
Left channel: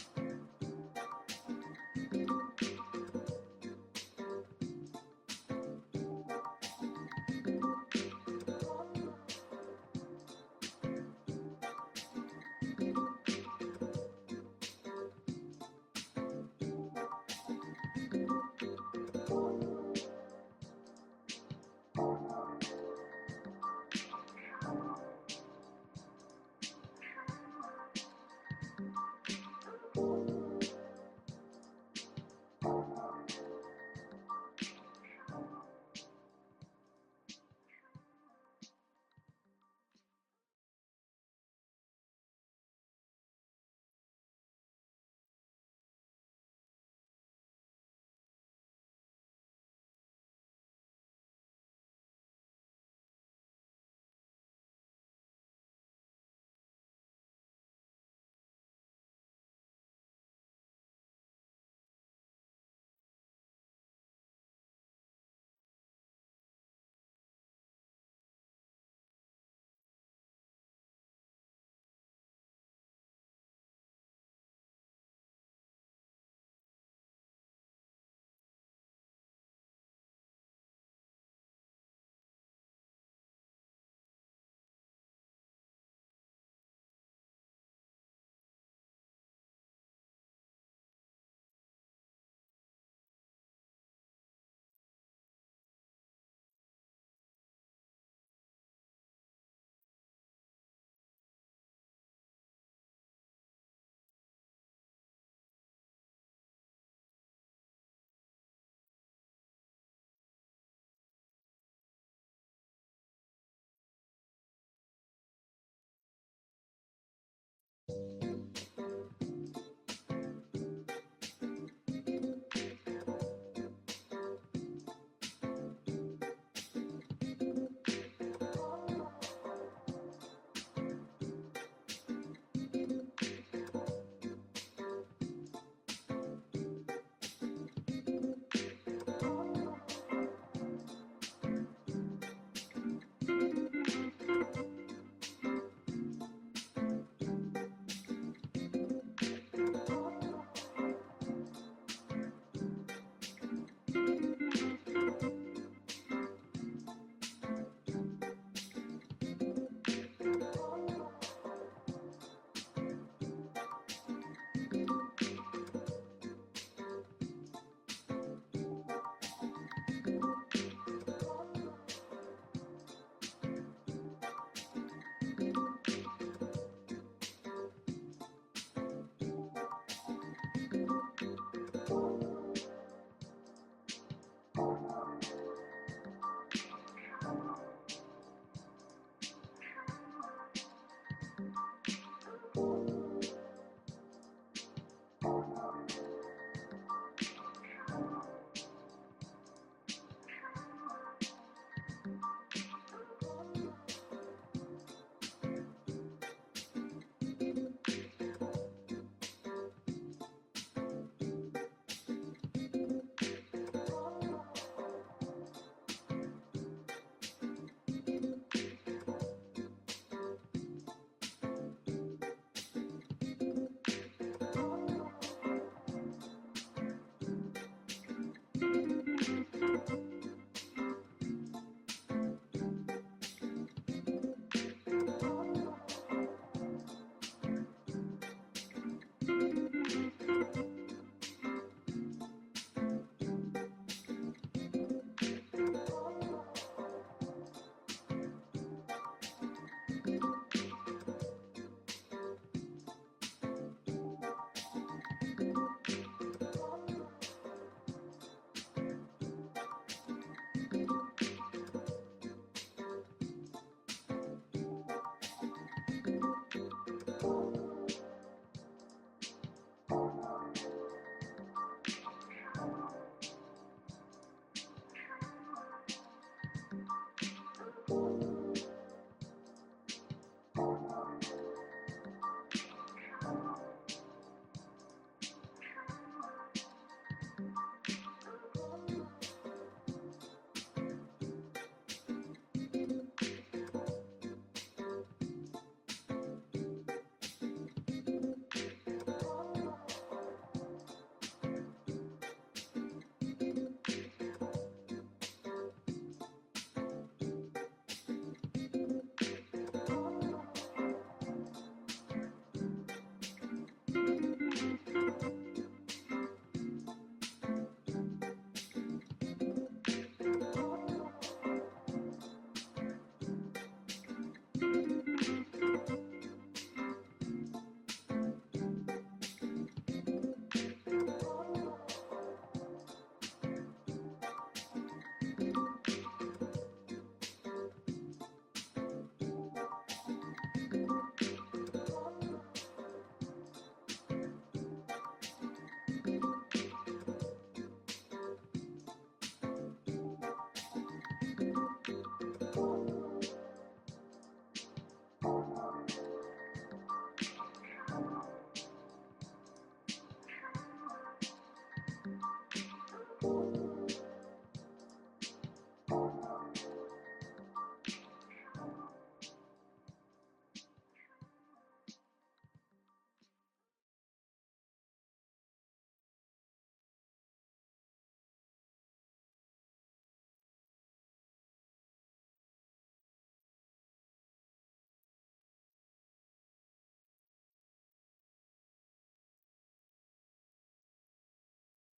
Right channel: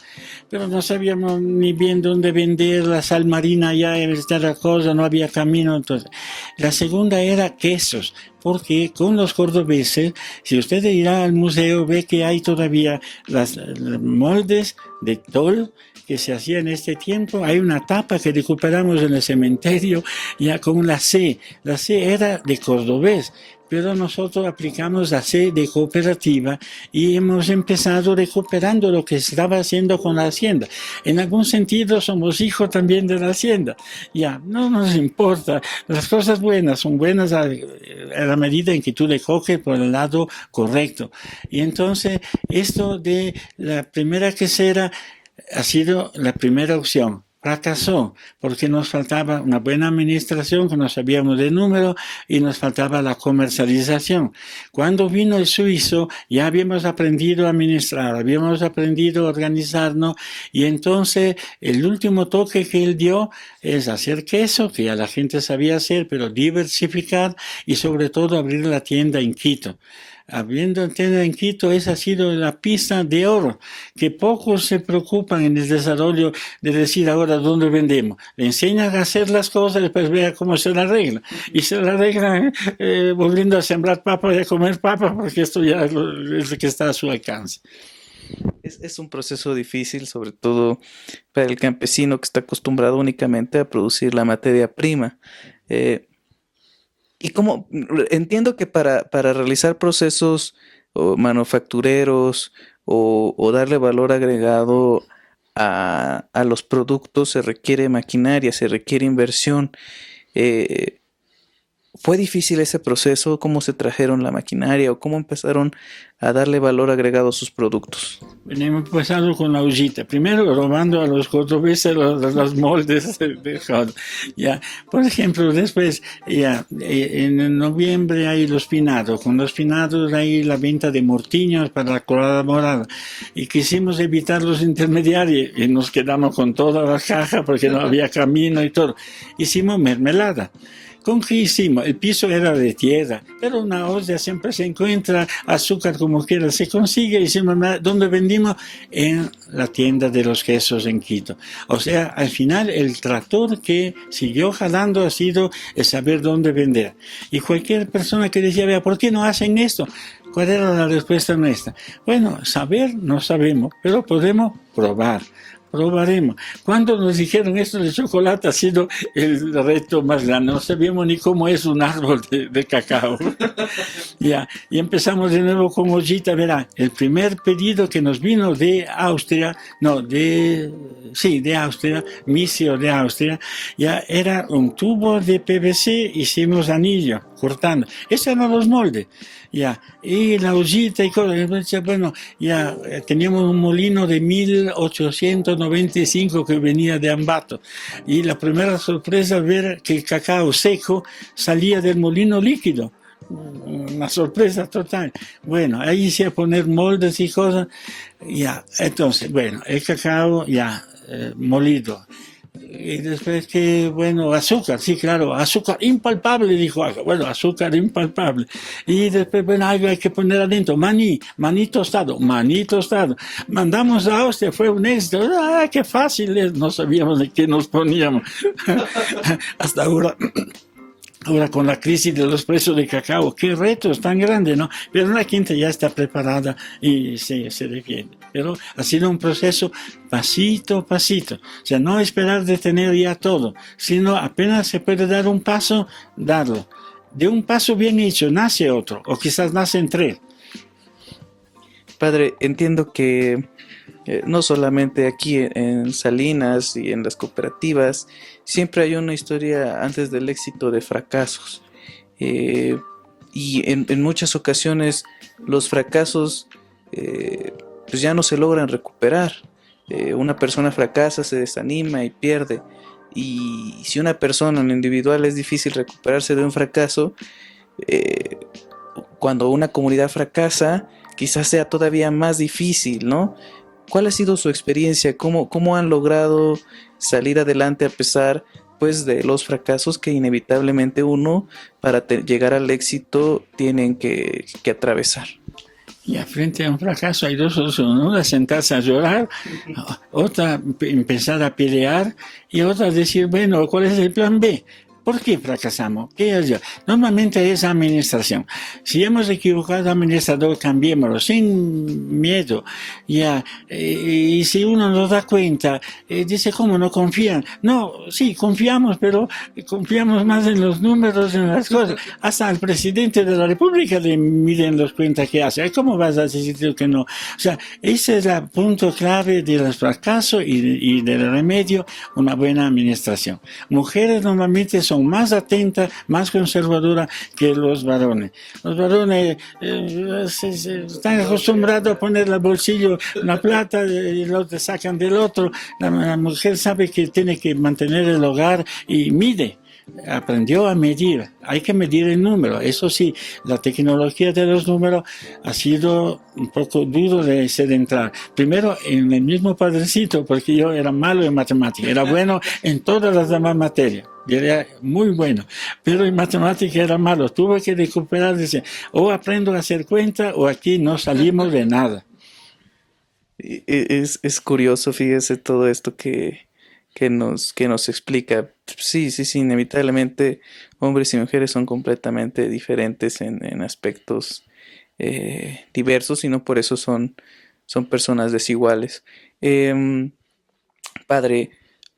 pero no sabíamos ni bien dónde vender la sal marina, ya era esta cosa, no había camino. Entonces, la segunda era quesos, porque con los cordobeses, si usted irá al museo, ve que hay todavía las moldes de tol que se hacía en este tiempo. Hay una tapa que recuperamos en el cementerio ya con la C. La C era de cordobés, pero nosotros aplicamos la C de cooperativa y hemos empezado recuperando lo que estaba haciendo con la hacienda. En algún sentido somos hijos también de la hacienda. Ya, no nos importa. Las cosas buenas son buenas a la medida en que tú le coges por el lado correcto. Y entonces, esto de la primera quesera ha sido la primera opción. Fracasó porque nos faltaba una buena administración, que no sabíamos de número, y nos faltaba la comercialización. Cuando vino el suizo ya habíamos aprendido a administrar, habíamos aprendido a organizarnos, y entonces el último toque que él dio es hacer queso, que ya la gente sabía hacer, pero diversificar y sobre todo abrir la tienda en Quito. Habiendo tienda en Quito, esa ha sido la pista de oro, que pocos se preocupan en el desarrollo de decir ahora dónde vendemos. Le enseñan a hacer las cosas, después vea cómo se la arregla. Y se la arreglan volviendo a sembrar papas y a comer papas, porque esto ya es lo que está a su alcance. Es un proceso difícil, sobre todo para el campesino que está acostumbrado únicamente a producir la materia prima. Eh, y como entiendo que para realizar procesos o manufactureros o darle valor agregado a los productos se requiere maquinaria, se requiere inversión. Eh, ¿Fue difícil ese proceso? ¿Cómo se trajeron la maquinaria o cómo empezaron a darle valor agregado a sus productos? Hemos empezado con la ollita, primero robando a los cordobeses los moldes de joda. Ya, por ejemplo, después, ya, en noviembre hay los pinados, con los pinados hay la venta de mortiños para la colada morada, y quisimos evitar los intermediarios y nos quedamos con toda la caja porque no había camino y todo. Hicimos mermelada. ¿Con qué hicimos? El piso era de tierra, pero una olla siempre se encuentra, azúcar como quiera se consigue. Hicimos, ¿dónde vendimos? En la tienda de los quesos en Quito. O sea, al final el tractor que siguió jalando ha sido el saber dónde vender. Y cualquier persona que decía, vea, ¿por qué no hacen esto? ¿Cuál era la respuesta nuestra? Bueno, saber no sabemos, pero podemos probar. Probaremos. Cuando nos dijeron esto de chocolate ha sido el reto más grande. No sabíamos ni cómo es un árbol de cacao. Ya, y empezamos de nuevo con ollita. Verá, el primer pedido que nos vino de Austria, no, de Austria, Misio de Austria, ya era un tubo de PVC, hicimos anillo, cortando. Esos eran los moldes. Ya, y la ollita y cosas. Entonces, bueno, ya teníamos un molino de 1895 que venía de Ambato. Y la primera sorpresa ver que el cacao seco salía del molino líquido. Una sorpresa total. Bueno, ahí hice a poner moldes y cosas. Ya, entonces, bueno, el cacao ya molido. Y después que, bueno, azúcar, sí, claro, azúcar impalpable, dijo algo. Bueno, azúcar impalpable. Y después, bueno, algo hay que poner adentro. Maní tostado, maní tostado. Mandamos a Austria, fue un éxito. ¡Ah, qué fácil es! No sabíamos de qué nos poníamos. Hasta ahora. Ahora con la crisis de los precios de cacao, qué retos tan grandes, ¿no? Pero la gente ya está preparada y se defiende. Pero ha sido un proceso pasito a pasito. O sea, no esperar de tener ya todo, sino apenas se puede dar un paso, darlo. De un paso bien hecho nace otro, o quizás nacen tres. Padre, entiendo que no solamente aquí en Salinas y en las cooperativas, siempre hay una historia antes del éxito de fracasos. Eh, y en muchas ocasiones los fracasos pues ya no se logran recuperar. Una persona fracasa, se desanima y pierde. Y si una persona en lo individual es difícil recuperarse de un fracaso, eh, cuando una comunidad fracasa, quizás sea todavía más difícil, ¿no? ¿Cuál ha sido su experiencia? ¿Cómo han logrado salir adelante a pesar, pues, de los fracasos que inevitablemente uno, para llegar al éxito, tienen que atravesar? Y frente a un fracaso hay dos soluciones. Una, sentarse a llorar, otra, empezar a pelear, y otra, decir, bueno, ¿cuál es el plan B? ¿Por qué fracasamos? ¿Qué es yo? Normalmente es administración. Si hemos equivocado administrador, cambiémoslo sin miedo. Ya, y si uno nos da cuenta, dice, ¿cómo no confían? No, sí, confiamos, pero confiamos más en los números, en las cosas. Hasta al presidente de la República le miden los cuentas que hace. ¿Cómo vas a decir que no? O sea, ese es el punto clave de los fracasos y del remedio, una buena administración. Mujeres normalmente son más atentas, más conservadoras que los varones. Los varones están acostumbrados a poner el bolsillo la plata y lo sacan del otro. La mujer sabe que tiene que mantener el hogar y mide. Aprendió a medir, hay que medir el número. Eso sí, la tecnología de los números ha sido un poco duro de entrar. Primero en el mismo padrecito, porque yo era malo en matemáticas, era bueno en todas las demás materias. Y era muy bueno, pero en matemáticas era malo. Tuve que recuperar, decir, o aprendo a hacer cuenta o aquí no salimos de nada. Es curioso, fíjese, todo esto que nos explica. Sí, sí, sí, inevitablemente hombres y mujeres son completamente diferentes en aspectos diversos y no por eso son personas desiguales. Em, Padre,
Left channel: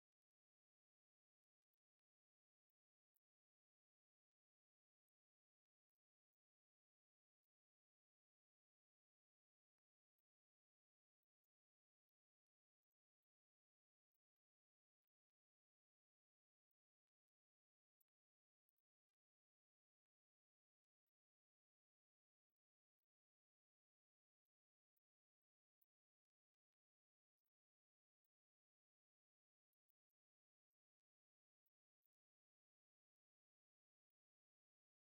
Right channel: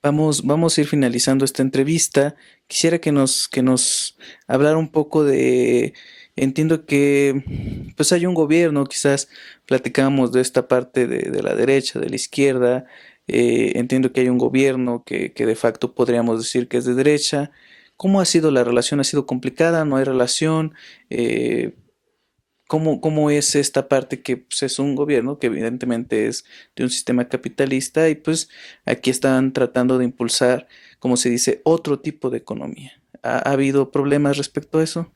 vamos a ir finalizando esta entrevista. Quisiera que nos hablara un poco de entiendo que pues hay un gobierno, quizás platicamos de esta parte de la derecha, de la izquierda, entiendo que hay un gobierno que de facto podríamos decir que es de derecha. ¿Cómo ha sido la relación? ¿Ha sido complicada? ¿No hay relación? Eh, ¿Cómo es esta parte que pues, es un gobierno que evidentemente es de un sistema capitalista y pues aquí están tratando de impulsar, como se dice, otro tipo de economía? ¿Ha habido problemas respecto a eso?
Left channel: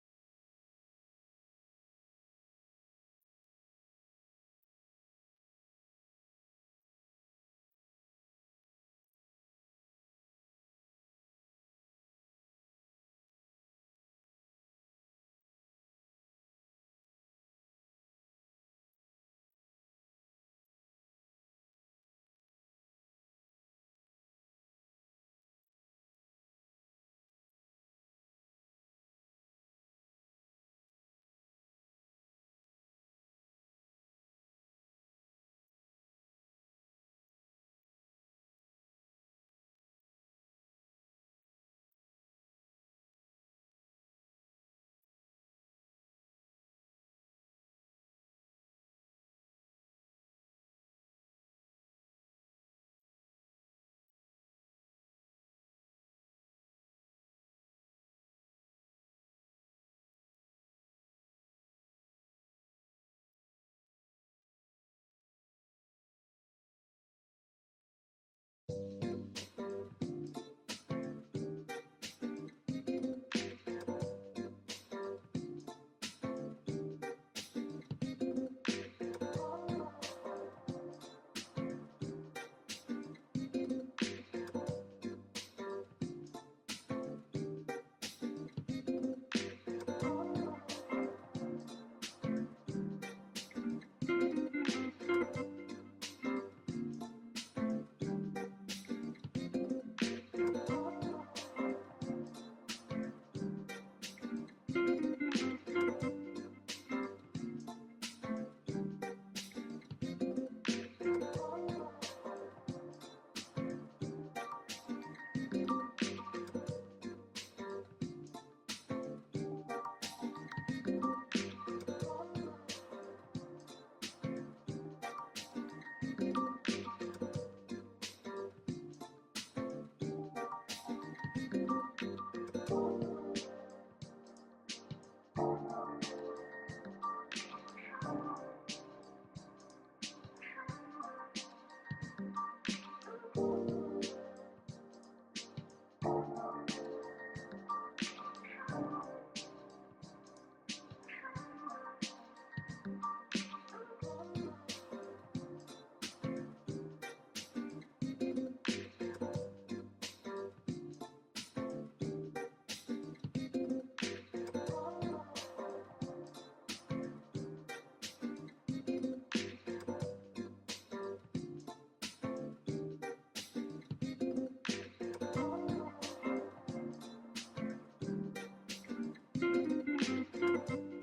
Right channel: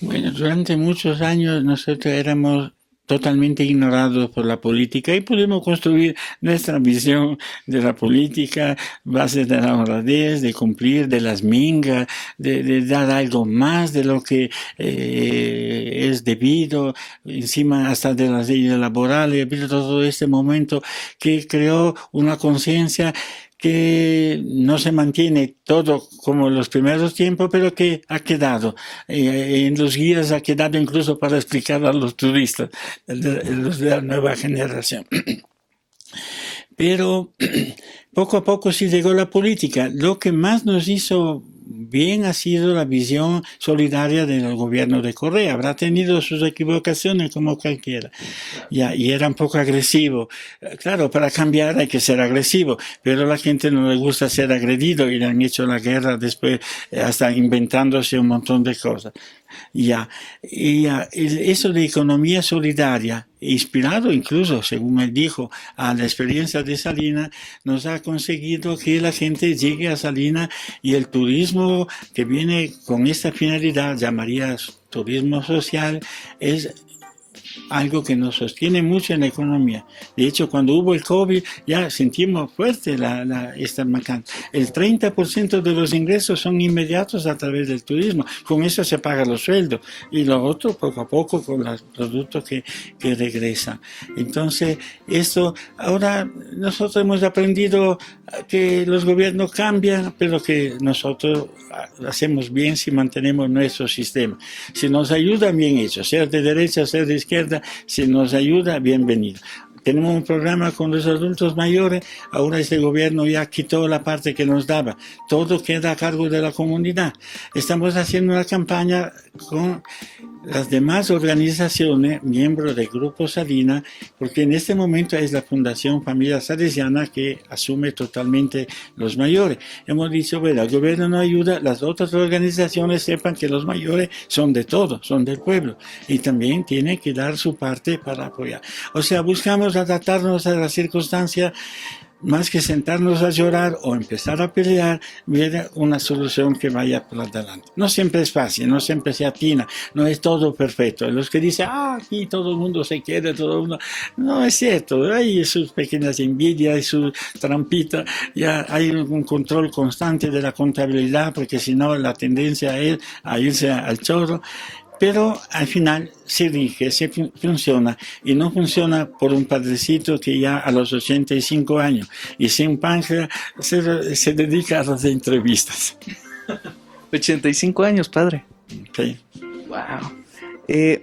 Bueno, durante muchos años nosotros éramos totalmente ignorados por la política y pudimos construir nuestra visión de la política, base de la honradez, de cumplir, de las mingas, de dar algo más de lo que es debido, encima hasta de las leyes laborales, ha habido todo este momento que creó una conciencia que no se mantiene todo como en los primeros tiempos, pero que ha quedado. En los guías ha quedado incluso para explicar a los turistas, los de la nueva generación. Pero poco a poco sí llegó la política. Lo que más nos hizo bien ha sido la visión solidaria del gobierno de Correa. Habrá tenido sus equivocaciones como cualquiera. Ya, y era un poco agresivo. Claro, para cambiar hay que ser agresivo, pero a la gente no le gusta ser agredido y le han hecho la guerra después, hasta inventándose un montón de cosas. Ya, eso de economía solidaria, inspirado incluso, según él dijo, a la experiencia de Salina, nos ha conseguido que la gente llegue a Salina y el turismo que viene con esta finalidad, llamaría turismo social, es algo que nos sostiene mucho en la economía. De hecho, cuando hubo el COVID, ya sentimos fuerte esta macana. El 30% de los ingresos son inmediatos a través del turismo. Con eso se pagan los sueldos. Y lo otro, poco a poco, con los productos que regresan. Entonces, esto, ahora nosotros hemos aprendido que los gobiernos cambian, pero que nosotros hacemos bien si mantenemos nuestro sistema. Si nos ayuda, bien hecho, sea de derecha, sea de izquierda, si nos ayuda, bienvenido. Tenemos un programa con los adultos mayores, ahora este gobierno ya quitó la parte que nos daba, todo queda a cargo de la comunidad. Estamos haciendo una campaña con las demás organizaciones, miembros del Grupo Salina, porque en este momento es la Fundación Familia Salesiana que asume totalmente los mayores. Hemos dicho, bueno, el gobierno no ayuda, las otras organizaciones sepan que los mayores son de todos, son del pueblo, y también tienen que dar su parte para apoyar. O sea, buscamos adaptarnos a las circunstancias más que sentarnos a llorar o empezar a pelear, ver una solución que vaya por adelante. No siempre es fácil, no siempre se atina, no es todo perfecto. Los que dicen, aquí todo el mundo se quiere, todo el mundo... No es cierto, hay sus pequeñas envidias y sus trampitas, ya hay un control constante de la contabilidad, porque si no la tendencia es a irse al chorro. Pero al final se rige, se funciona y no funciona por un padrecito que ya a los 85 años y sin páncreas se dedica a las entrevistas. 85 años, padre. Sí. Wow. He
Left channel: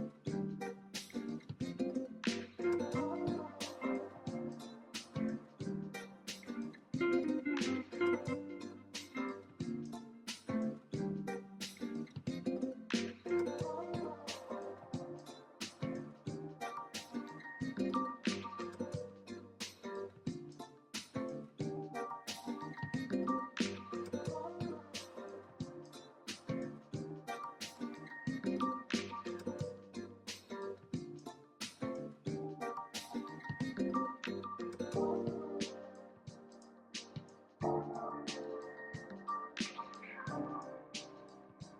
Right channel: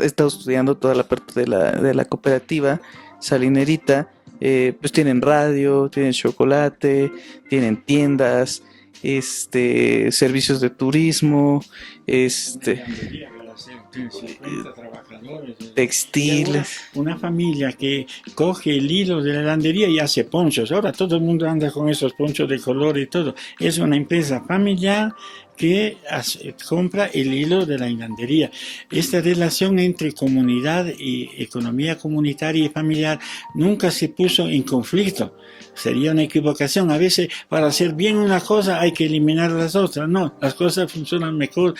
estado estudiando toda la parte de la cooperativa salinerita. Pues tienen radio, tienen chocolate, tienen tiendas, servicios de turismo, textiles. Una familia que coge el hilo de la lavandería y hace ponchos. Ahora todo el mundo anda con esos ponchos de color y todo. Es una empresa familiar que compra el hilo de la hilandería. Esta relación entre comunidad y economía comunitaria y familiar nunca se puso en conflicto. Sería una equivocación. A veces para hacer bien una cosa hay que eliminar las otras. No, las cosas funcionan mejor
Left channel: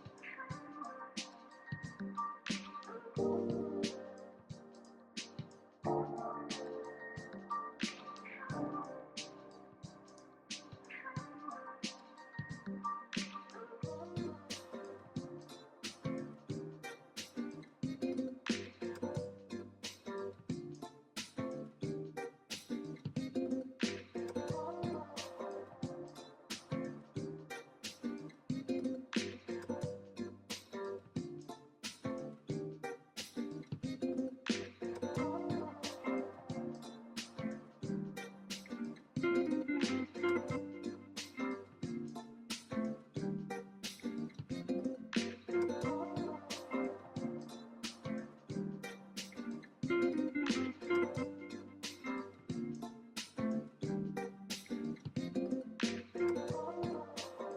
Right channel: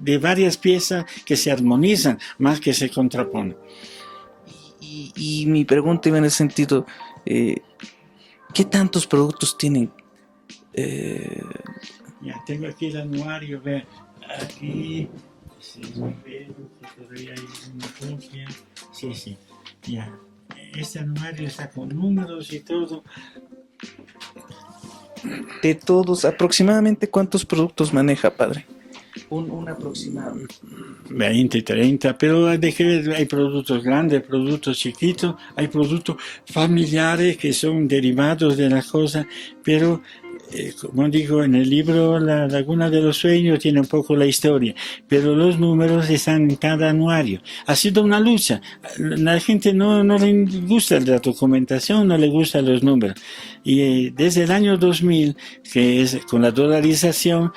de varias piezas que se armonizan más que se contraponen. Y mi pregunta iba en ese sentido, ¿qué tantos productos tienen? Ya, tengo aquí el anuario, vean, aquí, si todavía hay una copia, sí, ya, este anuario está con números y todo. De todos, aproximadamente ¿cuántos productos maneja, padre? Un aproximado. 20, 30, pero hay que ver, hay productos grandes, productos chiquitos, hay productos familiares que son derivados de la cosa, pero como digo en el libro, La Laguna de los Sueños tiene un poco la historia, pero los números están en cada anuario. Ha sido una lucha. La gente no le gusta la documentación, no le gustan los números. Y desde el año 2000, que es con la dolarización,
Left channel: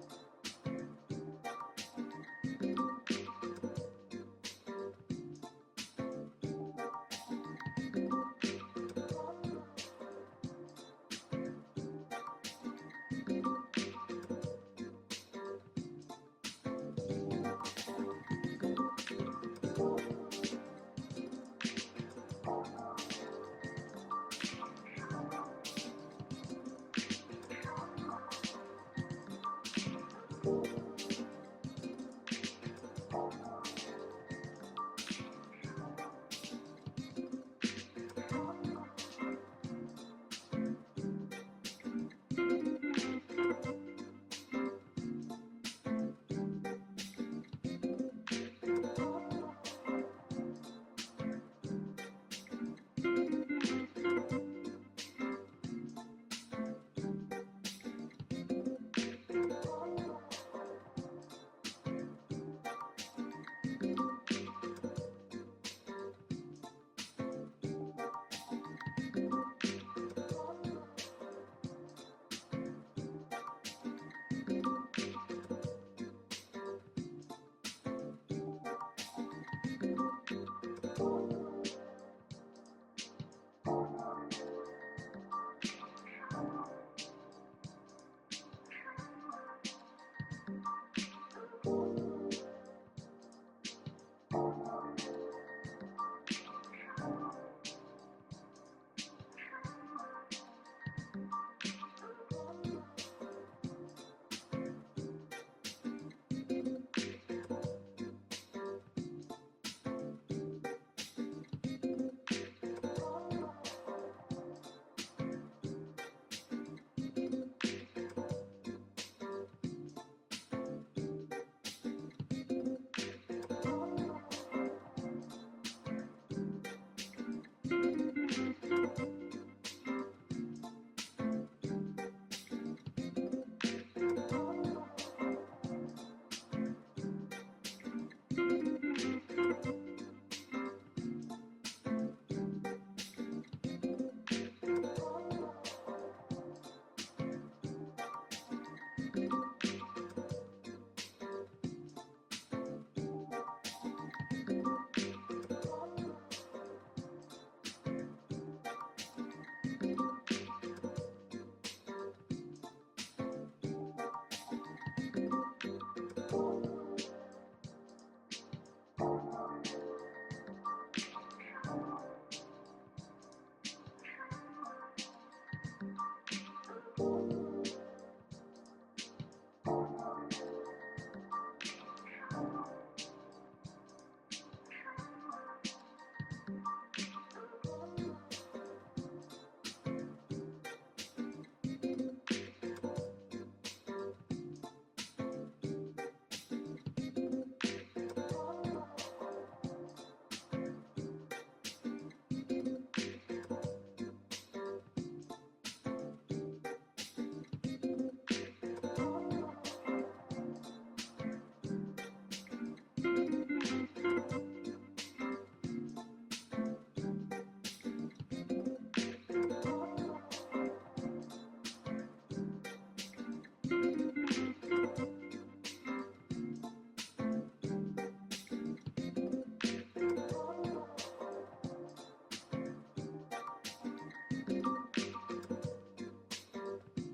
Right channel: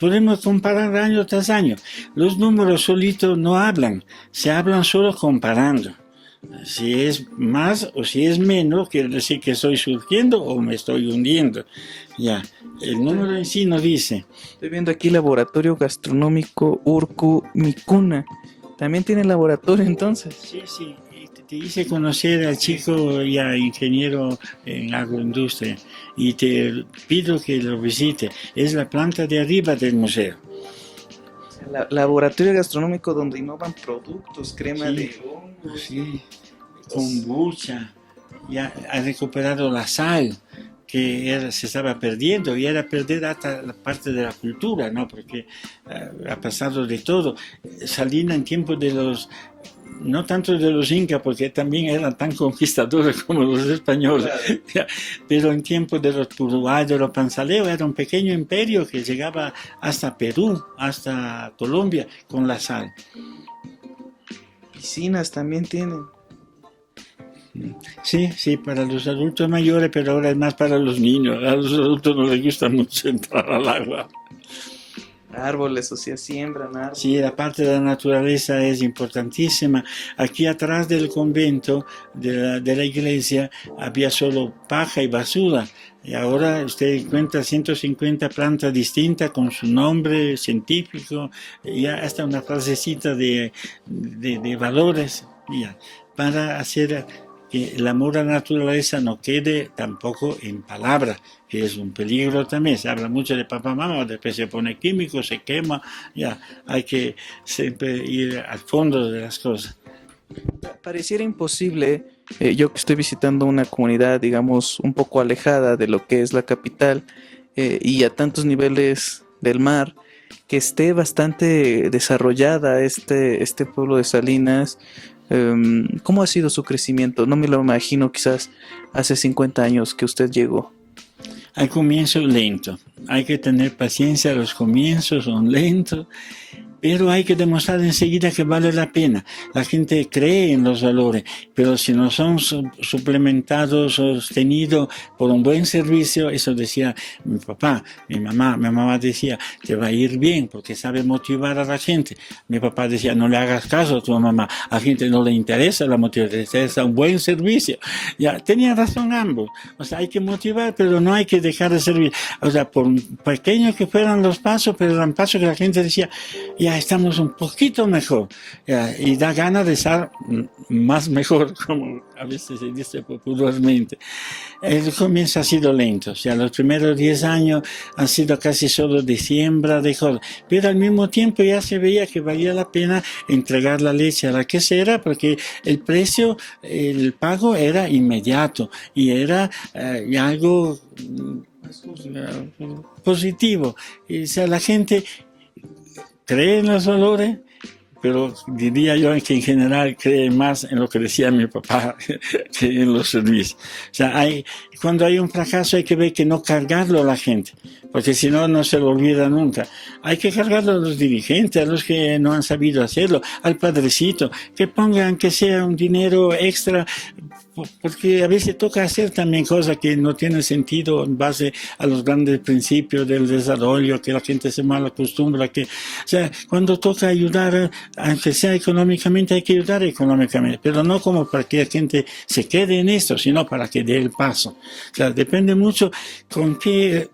podemos comparar año tras año. Los números solitos no hablan, se hablan solo comparando. Si es más o si es menos, quiere decir que estoy surgiendo o me estoy hundiendo. Ya, el número en sí no dice. Estoy viendo aquí Laboratorio Gastronómico Urcu Micuna. ¿También tiene laboratorio entonces? Sí, sí, y te hice conocer al chico ya ingeniero en agroindustria y te pido que lo visite. Es la planta de arriba del museo. Laboratorio Gastronómico donde innovan productos, crema Sí, de hongos. sí, kombucha, ya ha recuperado la sal que se estaba perdiendo y era perder hasta la parte de la cultura, ¿no? Porque ha pasado de todo. Salina en tiempos de los, no tanto de los incas, porque también eran tan conquistadores como los españoles, claro. Pero en tiempos de los Puruá, de los Panzaleo, era un pequeño imperio que llegaba hasta Perú, hasta Colombia, con la sal. Piscinas también tienen. Sí, sí, para los adultos mayores, pero ahora es más para los niños. A los adultos no les gusta mucho entrar al agua. Árboles, o sea, siembran árboles. Sí, la parte de la naturaleza es importantísima. Aquí atrás del convento, de la iglesia, había solo paja y basura. Y ahora usted encuentra 150 plantas distintas con su nombre científico, y hasta una frasecita de valores, ya, para hacer que el amor a la naturaleza no quede tampoco en palabras, que es un peligro también. Se habla mucho de papá, mamá, después se pone químico, se quema, ya, hay que siempre ir al fondo de las cosas. Pareciera imposible, yo que estoy visitando una comunidad, digamos, un poco alejada de lo que es la capital y a tantos niveles del mar, que esté bastante desarrollada este pueblo de Salinas. ¿Cómo ha sido su crecimiento? No me lo imagino quizás hace 50 años que usted llegó. Al comienzo lento, hay que tener paciencia, los comienzos son lentos, pero hay que demostrar enseguida que vale la pena. La gente cree en los valores, pero si no son suplementados, sostenidos por un buen servicio, eso decía mi papá, mi mamá decía, te va a ir bien porque sabe motivar a la gente. Mi papá decía, no le hagas caso a tu mamá, a la gente no le interesa la motivación, le interesa un buen servicio. Ya, tenía razón ambos, o sea, hay que motivar, pero no hay que dejar de servir. O sea, por pequeños que fueran los pasos, pero eran pasos que la gente decía, ya estamos un poquito mejor, y da ganas de estar más mejor, como a veces se dice popularmente. El comienzo ha sido lento, o sea, los primeros 10 años han sido casi solo de siembra de cosas, pero al mismo tiempo ya se veía que valía la pena entregar la leche a la quesera porque el precio, el pago era inmediato y era algo positivo. O sea, la gente cree en los valores, pero diría yo que en general cree más en lo que decía mi papá que en los servicios. O sea, cuando hay un fracaso hay que ver que no cargarlo a la gente, porque si no, no se lo olvida nunca. Hay que cargarlo a los dirigentes, a los que no han sabido hacerlo, al padrecito, que pongan que sea un dinero extra, porque a veces toca hacer también cosas que no tienen sentido en base a los grandes principios del desarrollo, que la gente se mal acostumbra, o sea, cuando toca ayudar, aunque sea económicamente, hay que ayudar económicamente, pero no como para que la gente se quede en esto, sino para que dé el paso. O sea, depende mucho con qué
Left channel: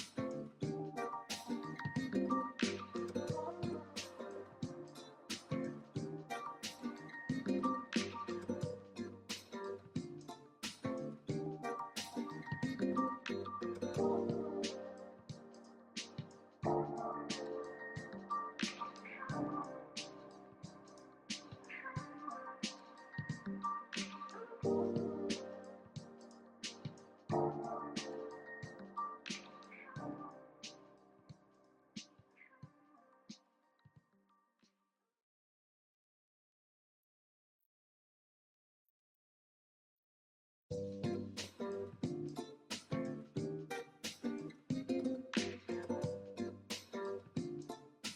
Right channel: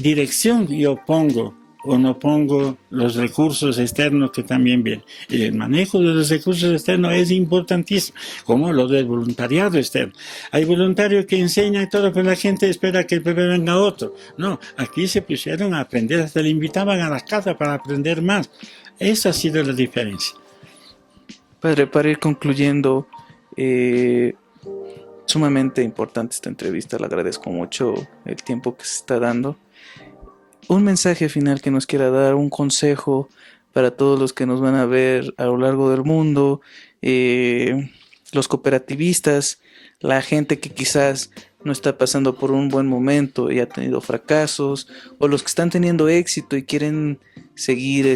dirección yo pongo o no pongo los recursos externos que también vienen. Y el manejo de los recursos externos es importantísimo, como lo del voluntariado externo. Hay voluntarios que enseñan todo, pero la gente espera que venga otro. No, aquí se pusieron a aprender, hasta le invitaban a las casas para aprender más. Esa ha sido la diferencia. Padre, para ir concluyendo, sumamente importante esta entrevista, le agradezco mucho el tiempo que se está dando. Un mensaje final que nos quiera dar, un consejo para todos los que nos van a ver a lo largo del mundo, los cooperativistas, la gente que quizás no está pasando por un buen momento y ha tenido fracasos, o los que están teniendo éxito y quieren seguir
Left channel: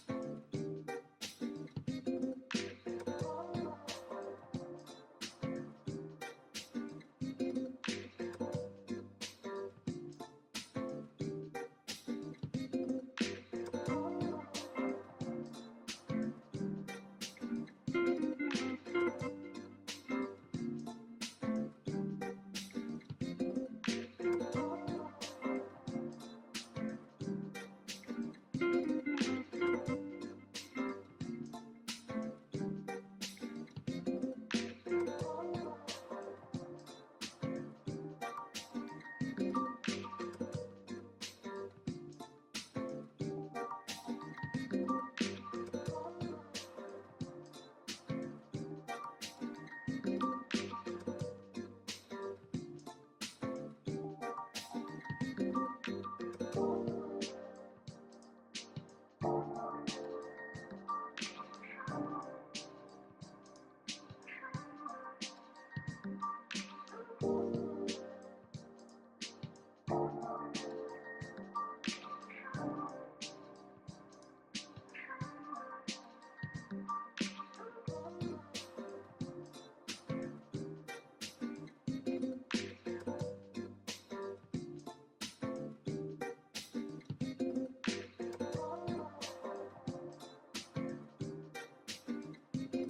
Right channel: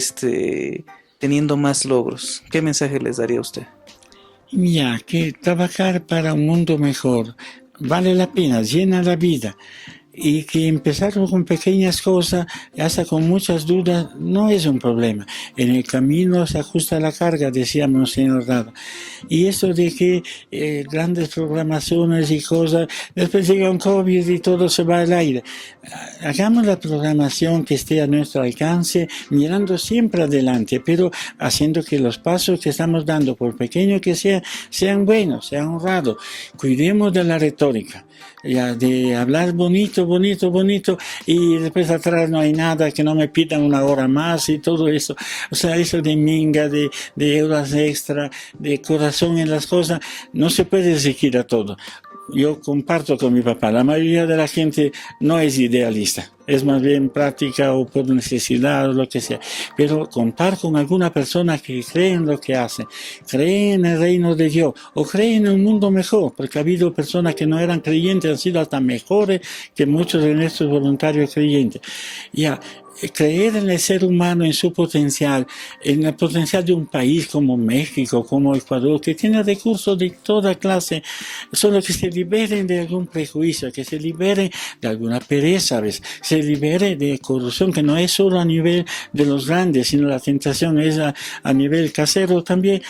teniendo más logros? ¿Qué mensaje les daría a usted? Ya, que trabajar para un mundo mejor vale la pena, llena la vida. Y que empezar con pequeñas cosas, hasta con muchas dudas, no es un problema. En el camino se ajusta la carga, decía Monseñor Dado. Y eso de que grandes programaciones y cosas, después llega un COVID y todo se va al aire. Hagamos la programación que esté a nuestro alcance, mirando siempre adelante, pero haciendo que los pasos que estamos dando, por pequeño que sea, sean buenos, sean honrados. Cuidemos de la retórica, ya, de hablar bonito, bonito, bonito, y después atrás no hay nada, que no me pidan una hora más y todo eso. O sea, eso de minga, de horas extra, de corazón en las cosas, no se puede exigir a todo. Yo comparto con mi papá, la mayoría de la gente no es idealista, es más bien práctica o por necesidad o lo que sea, pero contar con alguna persona que cree en lo que hace, cree en el reino de Dios o cree en un mundo mejor, porque ha habido personas que no eran creyentes, han sido hasta mejores que muchos de nuestros voluntarios creyentes. Ya, creer en el ser humano, en su potencial, en el potencial de un país como México, como Ecuador, que tiene recursos de toda clase, solo que se liberen de algún prejuicio, que se liberen de alguna pereza, ¿sabes? Se libere de corrupción, que no es solo a nivel de los grandes, sino la tentación es a nivel casero también.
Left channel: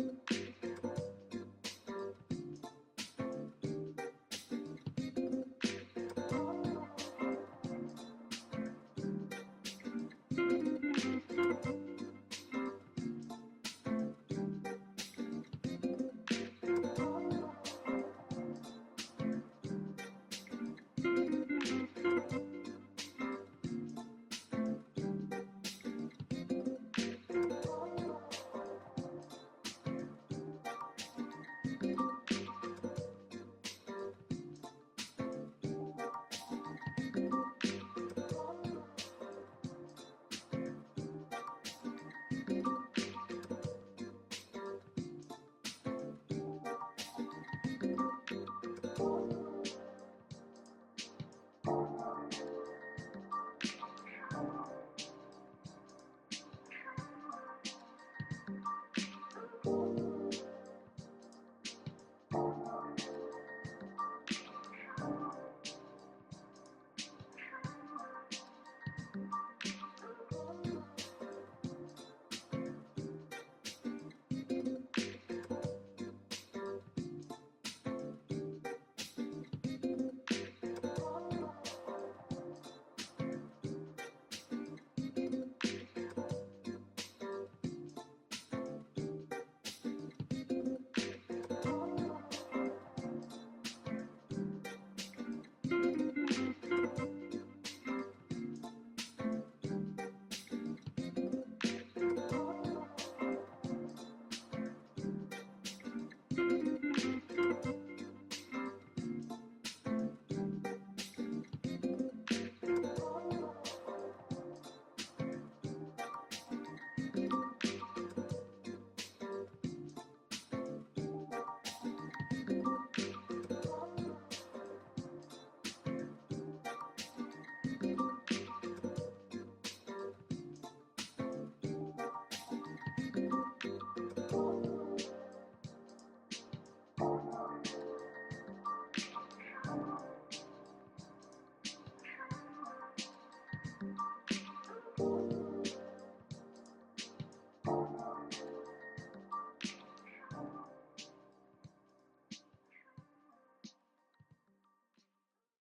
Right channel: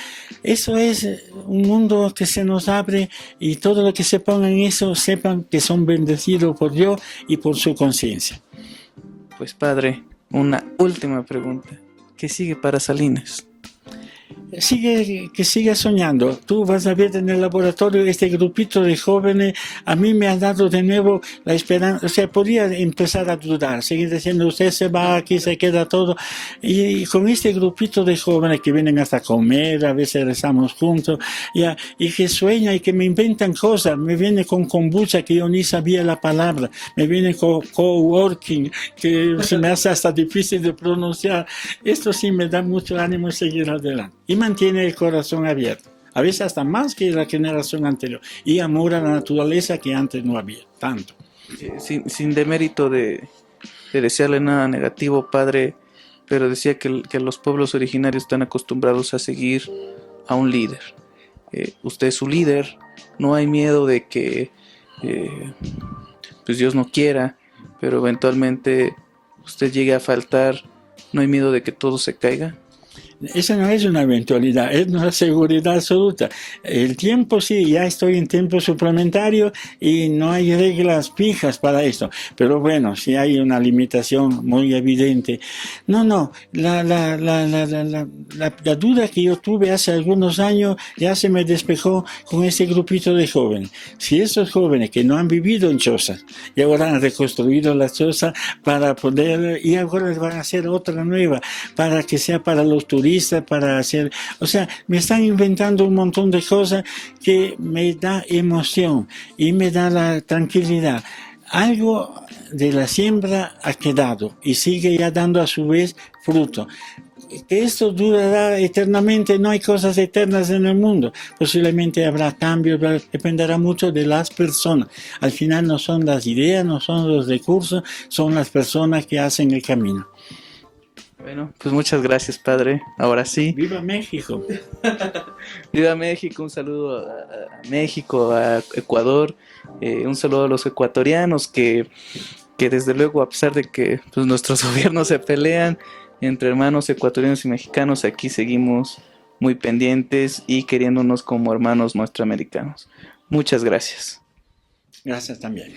Eso es un mundo que se nos abre y todo lo que se ponga en eso, sepan que son bendecidos por Dios y por su conciencia. Pues padre, una última pregunta. ¿Qué sigue para Salinas? Que siga soñando. Tú vas a ver en el laboratorio este grupito de jóvenes. A mí me ha dado de nuevo la esperanza. O sea, podía empezar a dudar, seguir diciendo, usted se va, aquí se queda todo. Y con este grupito de jóvenes que vienen hasta comer, a veces rezamos juntos, y que sueñan y que me inventan cosas. Me viene con kombucha, que yo ni sabía la palabra. Me viene con coworking, que se me hace hasta difícil de pronunciar. Esto sí me da mucho ánimo de seguir adelante. Y mantiene el corazón abierto, a veces hasta más que la generación anterior, y amor a la naturaleza que antes no había tanto. Sin demérito de desearle nada negativo, padre, pero decía que los pueblos originarios están acostumbrados a seguir a un líder. Usted es su líder, no hay miedo de que pues Dios no quiera, pero eventualmente usted llegue a faltar, no hay miedo de que todo se caiga. Esa no es una eventualidad, es una seguridad absoluta. El tiempo sí, ya estoy en tiempo suplementario y no hay reglas fijas para esto. Pero bueno, sí hay una limitación muy evidente. No, la duda que yo tuve hace algunos años ya se me despejó con ese grupito de jóvenes. Si esos jóvenes que no han vivido en chozas y ahora han reconstruido las chozas para poder, y ahora van a hacer otra nueva, para que sea para los turistas, para hacer, o sea, me están inventando un montón de cosas que me da emoción y me da la tranquilidad. Algo de la siembra ha quedado y sigue ya dando a su vez fruto. Que esto durará eternamente, no hay cosas eternas en el mundo. Posiblemente habrá cambios, dependerá mucho de las personas. Al final no son las ideas, no son los recursos, son las personas que hacen el camino. Bueno, pues muchas gracias, padre. Ahora sí. ¡Viva México! Viva México, un saludo a México, a Ecuador, un saludo a los ecuatorianos que desde luego, a pesar de que pues, nuestros gobiernos se pelean entre hermanos ecuatorianos y mexicanos, aquí seguimos muy pendientes y queriéndonos como hermanos nuestroamericanos. Muchas gracias. Gracias también.